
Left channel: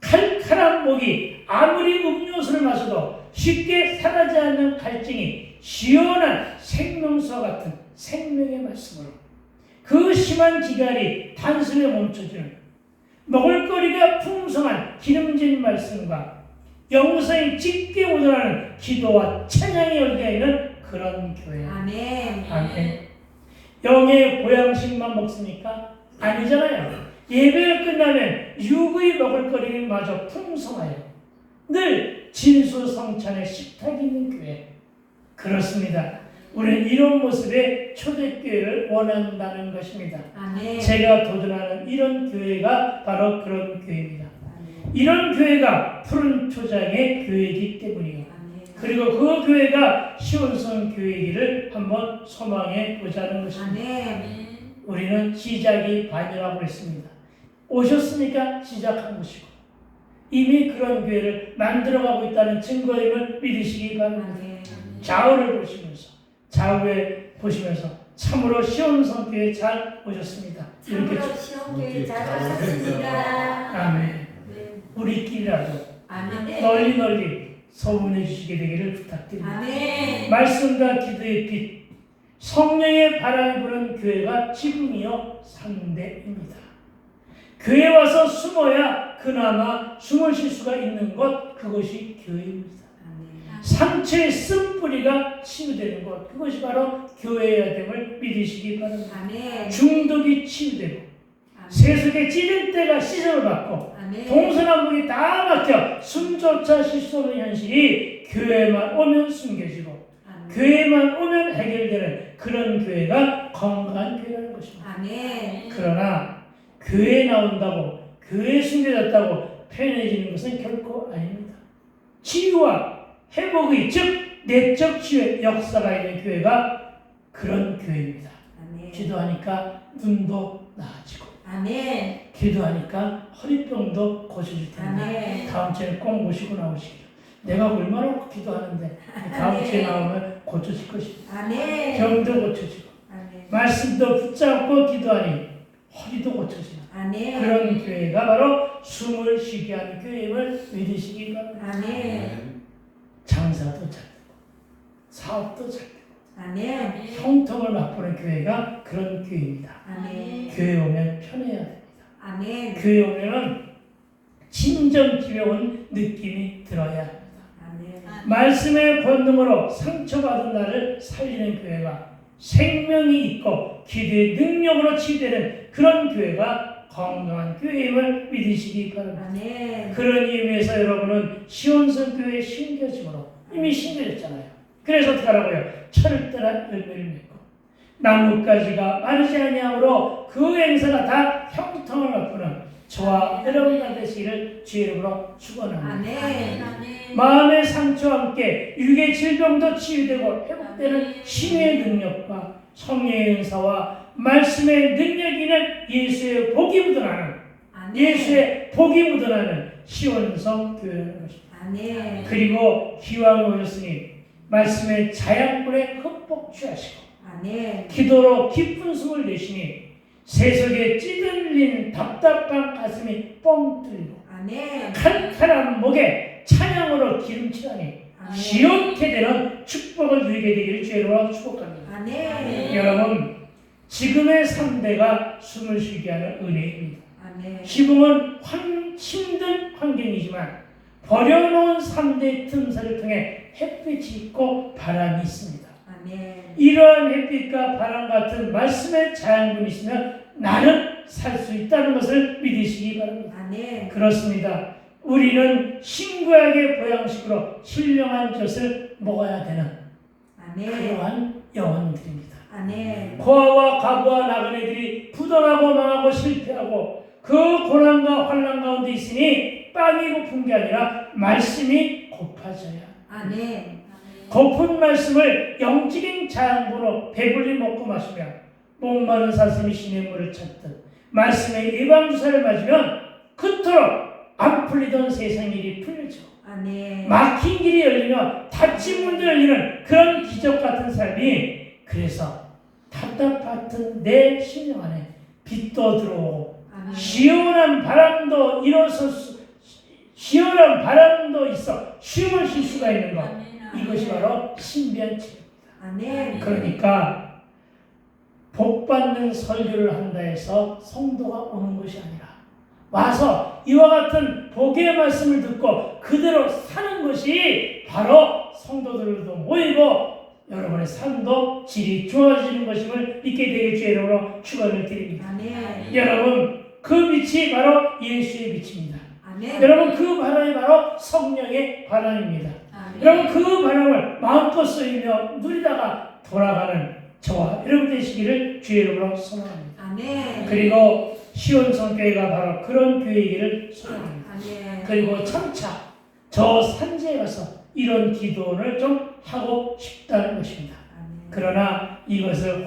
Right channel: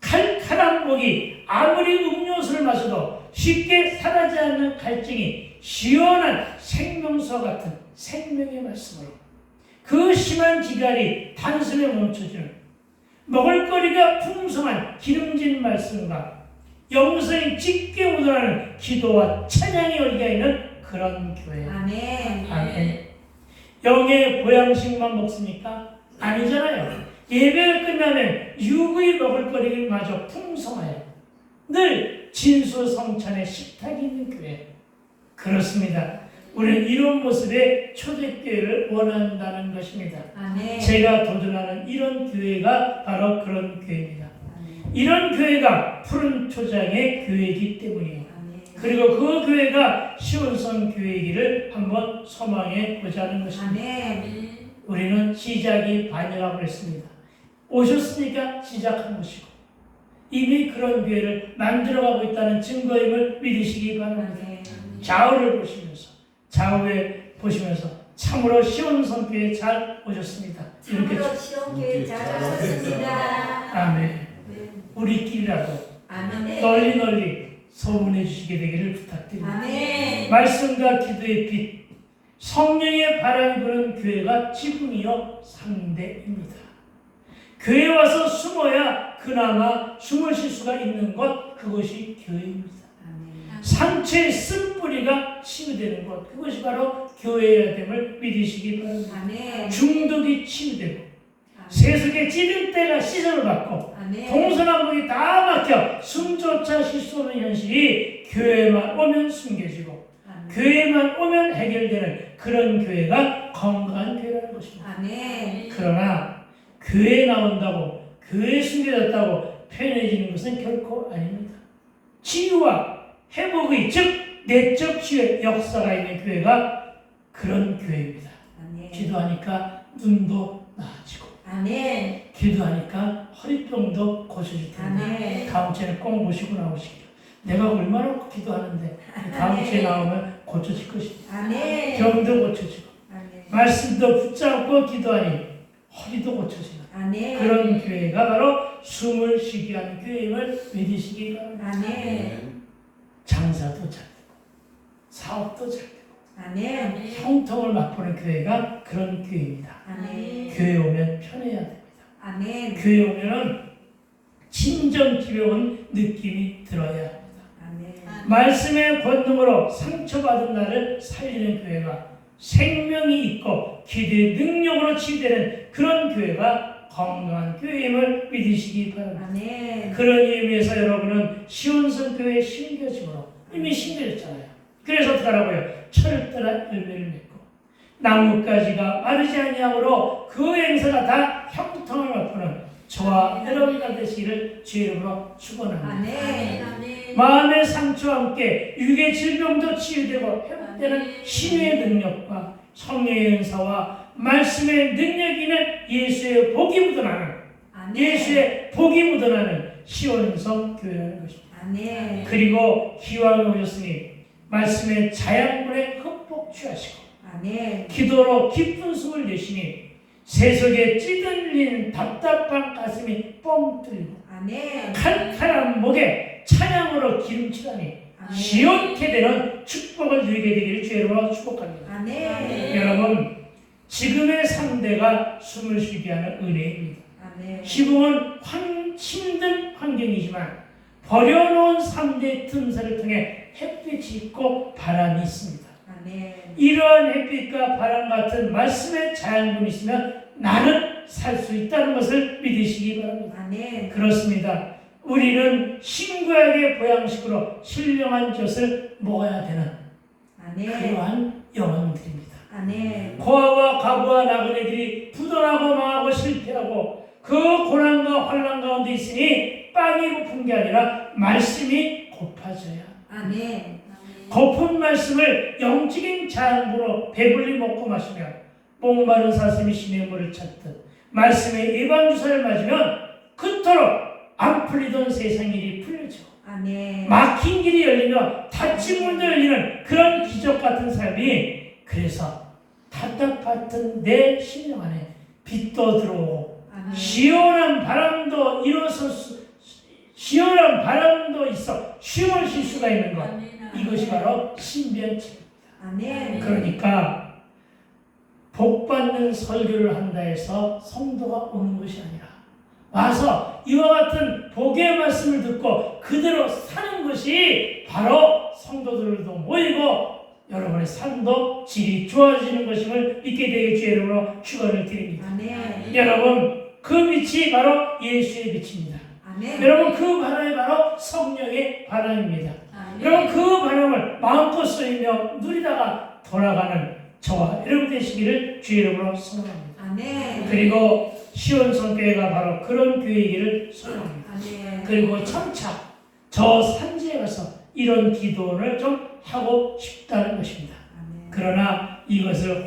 칼칼한 목이 아무리 음료수를 마셔도 쉽게 사라지지 않는 갈증이 시원한 생명수 같은 생명의 말씀으로 그 심한 기갈이 단숨에 멈춰주는 먹을거리가 풍성한 기름진 말씀과 영성이 짙게 묻어나는 기도와 찬양이 열려 있는 그런 교회. 아멘. 아멘. 영의 보양식만 먹습니까? 아니잖아요. 예배가 끝나면 육의 먹을거리마저 풍성하여 늘 진수성찬의 식탁이 있는 교회. 그렇습니다. 우리는 이런 모습의 초대교회를 원한다는 것입니다. 아멘. 제가 도전하는 이런 교회가 바로 그런 교회입니다. 아멘. 이런 교회가 푸른 초장의 교회이기 때문이에요. 아멘. 그리고 그 교회가 시온성 교회이기를 한번 소망해 보자는 것입니다. 아멘. 우리는 시작이 반이라고 했습니다. 오셨으니까 시작한 것이고 이미 그런 교회를 만들어가고 있다는 증거임을 믿으시기 바랍니다. 아멘. 좌우를 좌우에 보시면서 참으로 시온성 교회 잘 오셨습니다. 이렇게 참으로 시온교회 잘 오셨습니다. 아멘. 우리끼리라도 아멘. 널리 소문해 주시게 되기를 부탁드립니다. 아멘. 말씀과 기도의 빛, 성령의 바람이 부는 교회가 지붕이요 3대입니다. 교회에 와서 숨어야 그나마 숨을 쉴 수가 있는 것, 그것이 교회입니다. 아멘. 상처의 쓴뿌리가 치유되는 것, 그것이 바로 교회여야 됨을 믿으시기 바랍니다. 아멘. 중독이 치유되고 아멘. 세속의 찌든 때가 시선을 받고 아멘. 동서남북이 다 막혀 숨조차 쉴 수 없는 현실이 교회만 오면 숨겨지고 아멘. 교회만 오면 해결되는 그런 교회가 건강한 교회라는 것입니다. 아멘. 그러나 교회에 나온다고 교회에 숨겨졌다고 편해지는 것은 결코 아닙니다. 치유와 회복의 즉 내적 치유의 역사가 있는 교회가 그런 교회입니다. 아멘. 기도하니까 눈도 나아지고 아멘. 기도하니까 허리병도 고쳐질 텐데 아멘. 다음 주에 꼭 모시고 나오시기를. 내가 얼마나 기도하는데 다음 주에 나오면 고쳐질 것입니다. 아멘. 병도 고쳐지고 아멘. 말씀도 붙잡고 기도하니 허리도 고쳐지는 아멘. 그런 교회가 바로 숨을 쉬게 하는 교회임을 믿으시기 바랍니다. 아멘. 장사도 잘 되고 사업도 잘 되고 아멘. 형통을 맛보는 교회가 그런 교회입니다. 아멘. 교회 오면 편해야 됩니다. 아멘. 교회 오면은 진정 집에 온 느낌이 들어야 합니다. 아멘. 말씀의 권능으로 상처받은 나를 살리는 교회가 생명이 있고 기도의 능력으로 치유되는 그런 교회가 건강한 교회임을 믿으시기 바랍니다. 아멘. 그런 의미에서 여러분은 시온성 교회에 심겨짐으로 이미 심겨졌잖아요. 그래서 어떻게 하라고요? 철저한 열매를 맺고 나뭇가지가 마르지 아니하므로 그 행사가 다 형통을 맛보는 저와 여러분이 되시기를 주의 이름으로 축원합니다. 아멘. 마음의 상처와 함께 육의 질병도 치유되고 회복되는 신의 능력과 성령의 은사와 말씀의 능력이 있는 예수의 복이 묻어나는 아멘. 예수의 복이 묻어나는 시온성 교회라는 것입니다. 아멘. 그리고 기왕에 오셨으니 말씀의 자양분에 흠뻑 취하시고 아멘. 기도로 깊은 숨을 내쉬니 세속에 찌들린 답답한 가슴이 뻥 뚫리고 아멘. 칼칼한 목에 찬양으로 기름칠하니 아멘. 지옥게 되는 축복을 누리게 되기를 주의로 축복합니다. 아멘. 여러분, 지금의 3대가 숨을 쉬게 하는 은혜입니다. 아멘. 시궁은 힘든 환경이지만 버려놓은 3대 틈새를 통해 햇빛이 있고 바람이 있습니다. 아멘. 이러한 햇빛과 바람 같은 말씀의 자양분이 있으면 나는 살 수 있다는 것을 믿으시기 바랍니다. 아멘. 그렇습니다. 우리는 신구약의 보양식으로 신령한 젖을 먹어야 되는 아멘. 그러한 영혼들입니다. 아멘. 고아와 과부와 나그네들이 부도나고 망하고 실패하고 그 고난과 환난 가운데 있으니 빵이 고픈 게 아니라 말씀이 고파져야. 아멘. 고픈 말씀을 영적인 자양분으로 배불리 먹고 마시며 목마른 사슴이 시냇물을 찾듯 말씀의 예방주사를 맞으면 그토록 안 풀리던 세상 일이 풀려지고 아멘. 막힌 길이 열리며 닫힌 문도 열리는 그런 기적 같은 삶이, 그래서 답답했던 내 심령 안에 빛도 들어오고 아멘. 시원한 바람도 시원한 바람도 있어 쉼을 쉴 수가 있는 것, 이것이 바로 신비한체입니다. 아멘. 그러니까 복받는 설교를 한다 해서 성도가 오는 것이 아니라 와서 이와 같은 복의 말씀을 듣고 그대로 사는 것이 바로 성도들도 모이고 여러분의 삶도 질이 좋아지는 것임을 믿게 되길 주의 이름으로 축원을 드립니다. 아멘. 여러분, 그 빛이 바로 예수의 빛입니다. 아멘. 여러분, 그 바람이 바로 성령의 바람입니다. 아멘. 여러분, 그 바람을 마음껏 쏘이며 누리다가 돌아가는 저와 여러분 되시기를 주의 이름으로 소망합니다. 아멘. 그리고 시온성교회가 바로 그런 교회이기를 소망합니다. 아멘. 그리고 점차 저 산지에 가서 이런 기도를 좀 하고 싶다는 것입니다. 아멘. 그러나 이것을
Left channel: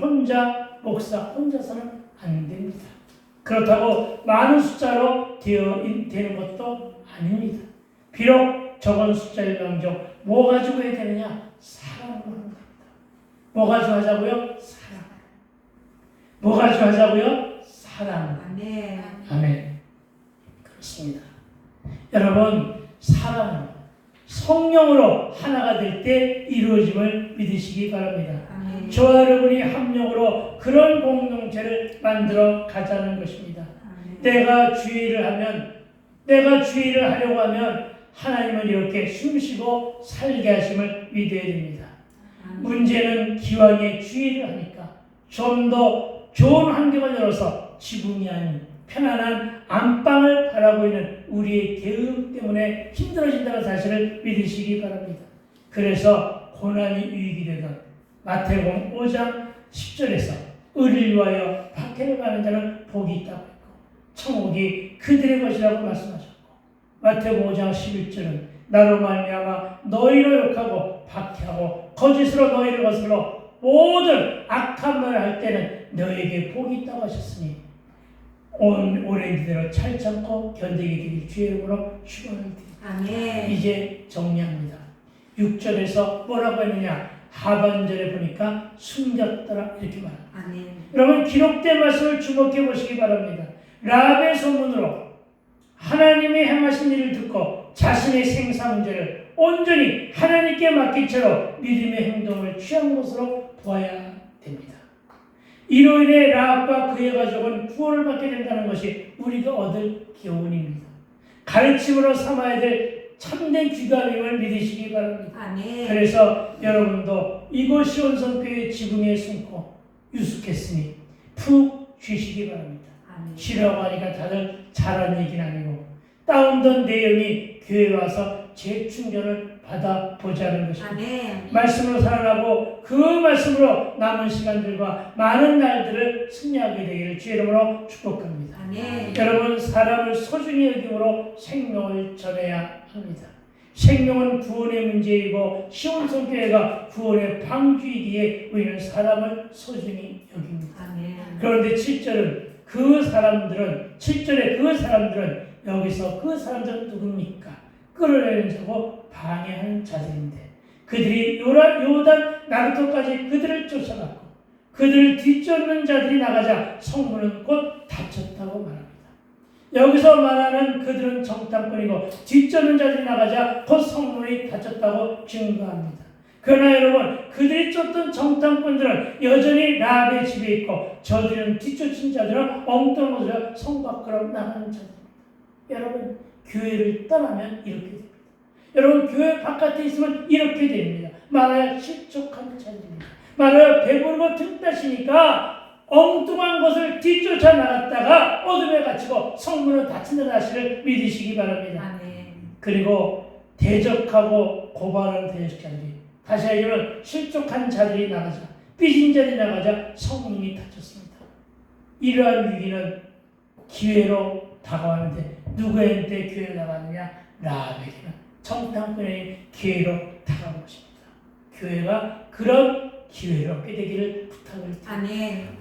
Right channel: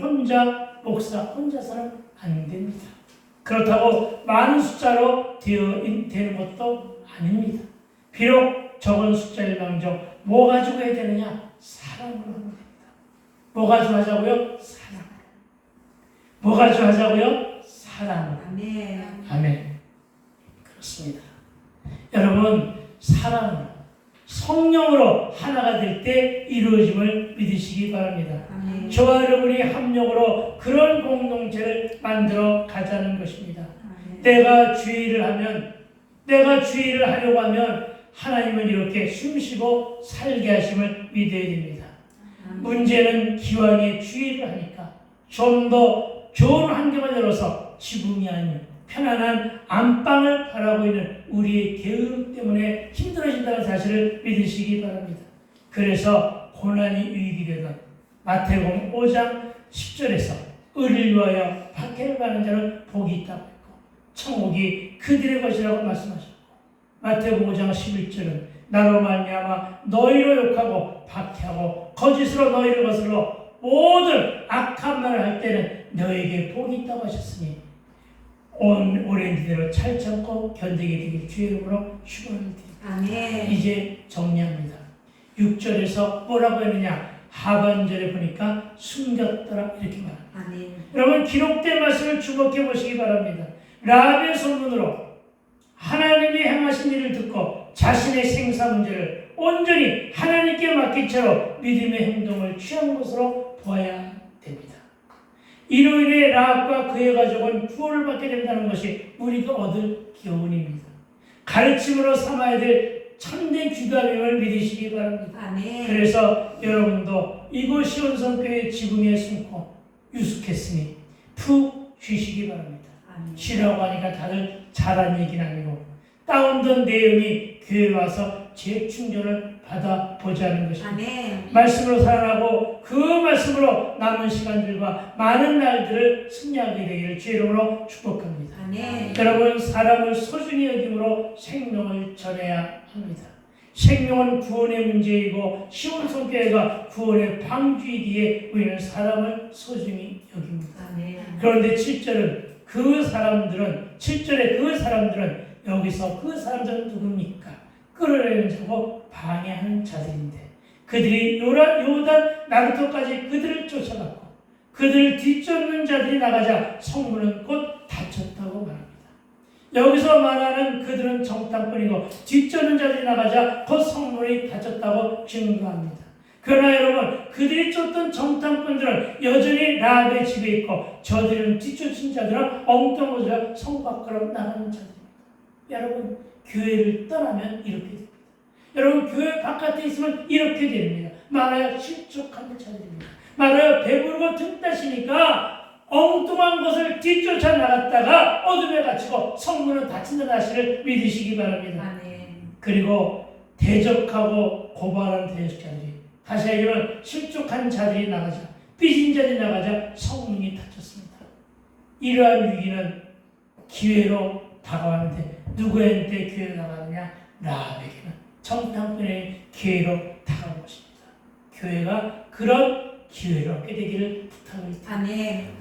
목사 혼자서는 안 됩니다. 그렇다고 많은 숫자로 되는 것도 아닙니다. 비록 적은 숫자일망정 뭐 가지고 해야 되느냐? 사랑으로 하는 겁니다. 뭐 가지고 하자고요? 사랑. 뭐 가지고 하자고요? 사랑. 아멘. 아멘. 그렇습니다. 여러분, 사랑은 성령으로 하나가 될 때 이루어짐을 믿으시기 바랍니다. 아멘. 저와 여러분이 합력으로 그런 공동체를 만들어 가자는 것입니다. 아멘. 내가 주의를 하려고 하면 하나님은 이렇게 숨쉬고 살게 하심을 믿어야 됩니다. 아멘. 문제는 기왕에 주의를 하니까 좀 더 좋은 환경을 열어서 지붕이 아닌 편안한 안방을 바라고 있는 우리의 게으름 때문에 힘들어진다는 사실을 믿으시기 바랍니다. 그래서 고난이 유익이 되던 마태복음 5장 10절에서 의를 위하여 박해를 가는 자는 복이 있다고 했고 천국이 그들의 것이라고 말씀하셨고 마태복음 5장 11절은 나로 말미암아 너희를 욕하고 박해하고 거짓으로 너희를 거슬러 모든 악한 말을 할 때는 너에게 복이 있다고 하셨으니 오랜 기대로 잘 참고 견디게 되길 주의 이름으로 축원을 드립니다. 아멘. 이제 정리합니다. 6절에서 뭐라고 했느냐? 하반절에 보니까 숨겼더라 이렇게 말합니다. 아멘. 여러분, 기록된 말씀을 주목해 보시기 바랍니다. 라합의 소문으로 하나님이 행하신 일을 듣고 자신의 생사 문제를 온전히 하나님께 맡긴 채로 믿음의 행동을 취한 것으로 보아야 됩니다. 이로 인해 라합과 그의 가족은 구원을 받게 된다는 것이 우리가 얻을 교훈입니다. 가르침으로 삼아야 될 참된 귀감임을 믿으시기 바랍니다. 아멘. 그래서 여러분도 이곳 시온성교회 지붕에 숨고 유숙했으니 푹 쉬시기 바랍니다. 아멘. 쉬라고 하니까 다들 잘한 얘기는 아니고 다운된 내용이 교회에 와서 재충전을 받아보자는 것입니다. 아멘. 말씀으로 살아나고 그 말씀으로 남은 시간들과 많은 날들을 승리하게 되기를 주의 이름으로 축복합니다. 아멘. 여러분, 사람을 소중히 여김으로 생명을 전해야 합니다. 생명은 구원의 문제이고 시온성교회가 구원의 방주이기에 우리는 사람을 소중히 여깁니다. 아멘. 그런데 7절에 그 사람들은 여기서 그 사람들은 누굽니까? 끌어내는 자고 방해하는 자들인데 그들이 요단 나루토까지 그들을 쫓아갔고 그들을 뒤쫓는 자들이 나가자 성문은 곧 닫혔다고 말합니다. 여기서 말하는 그들은 정탐꾼이고 뒤쫓는 자들이 나가자 곧 성문이 닫혔다고 증거합니다. 그러나 여러분, 그들이 쫓던 정탐꾼들은 여전히 라합의 집에 있고 저들은 뒤쫓은 자들은 엉뚱한 곳으로 성 밖으로 나가는 자들입니다. 여러분, 교회를 떠나면 이렇게 됩니다. 여러분, 교회 바깥에 있으면 이렇게 됩니다. 말하여 실족한 자들입니다. 말하여 배부르고 틈따시니까 엉뚱한 것을 뒤쫓아 나갔다가 어둠에 갇히고 성문은 닫힌다는 사실을 믿으시기 바랍니다. 그리고 대적하고 고발하는 대적자들이 다시 얘기하면 실족한 자들이 나가자 삐진 자들이 나가자 성문이 닫혔습니다. 이러한 위기는 기회로 다가왔는데 누구한테 기회로 나가느냐? 라합에게는 정탐꾼의 기회로 다가온 것입니다. 교회가 그런 기회를 얻게 되기를 부탁을 드립니다.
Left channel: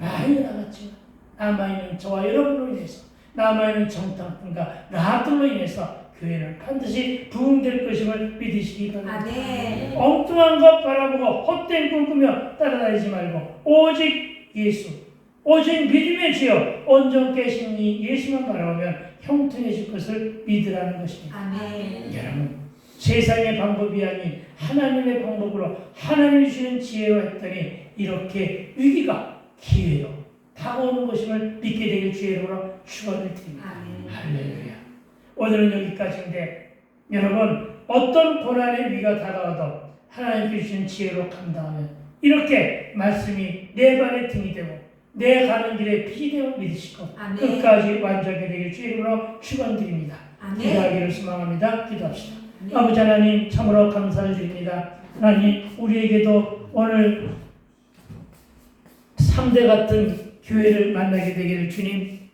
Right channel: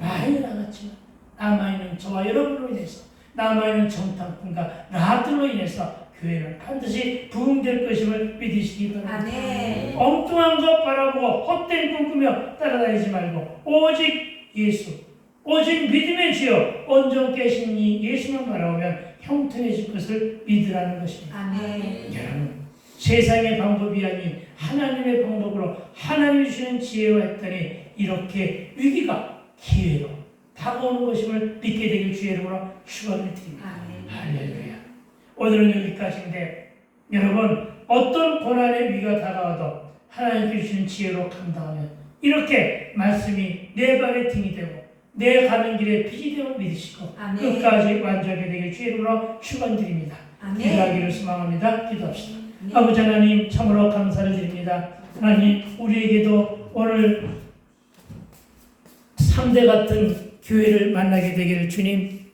많이 나갔지만 남아있는 저와 여러분으로 인해서 남아있는 정탐꾼과 라합들로 인해서 교회는 반드시 부흥될 것임을 믿으시기 바랍니다. 엉뚱한 것 바라보고 헛된 꿈 꾸며 따라다니지 말고 오직 예수, 오직 믿음의 주여 온전케 하신 이 예수만 바라보면 형통해질 것을 믿으라는 것입니다. 여러분, 세상의 방법이 아닌 하나님의 방법으로 하나님이 주신 지혜로 했더니 이렇게 위기가 기회로 다가오는 것임을 믿게 되길 주의 이름으로 축원을 드립니다. 할렐루야. 오늘은 여기까지인데 여러분, 어떤 고난의 위기가 다가와도 하나님께 주시는 지혜로 감당하면 이렇게 말씀이 내 발의 등이 되고 내 가는 길에 빛이 되어 믿으시고 끝까지 완전하게 되길 주의 이름으로 축원드립니다. 기도하기를 소망합니다. 기도합시다. 아버지 하나님, 참으로 감사를 드립니다. 하나님, 우리에게도 오늘 3대 같은 교회를 만나게 되기를 주님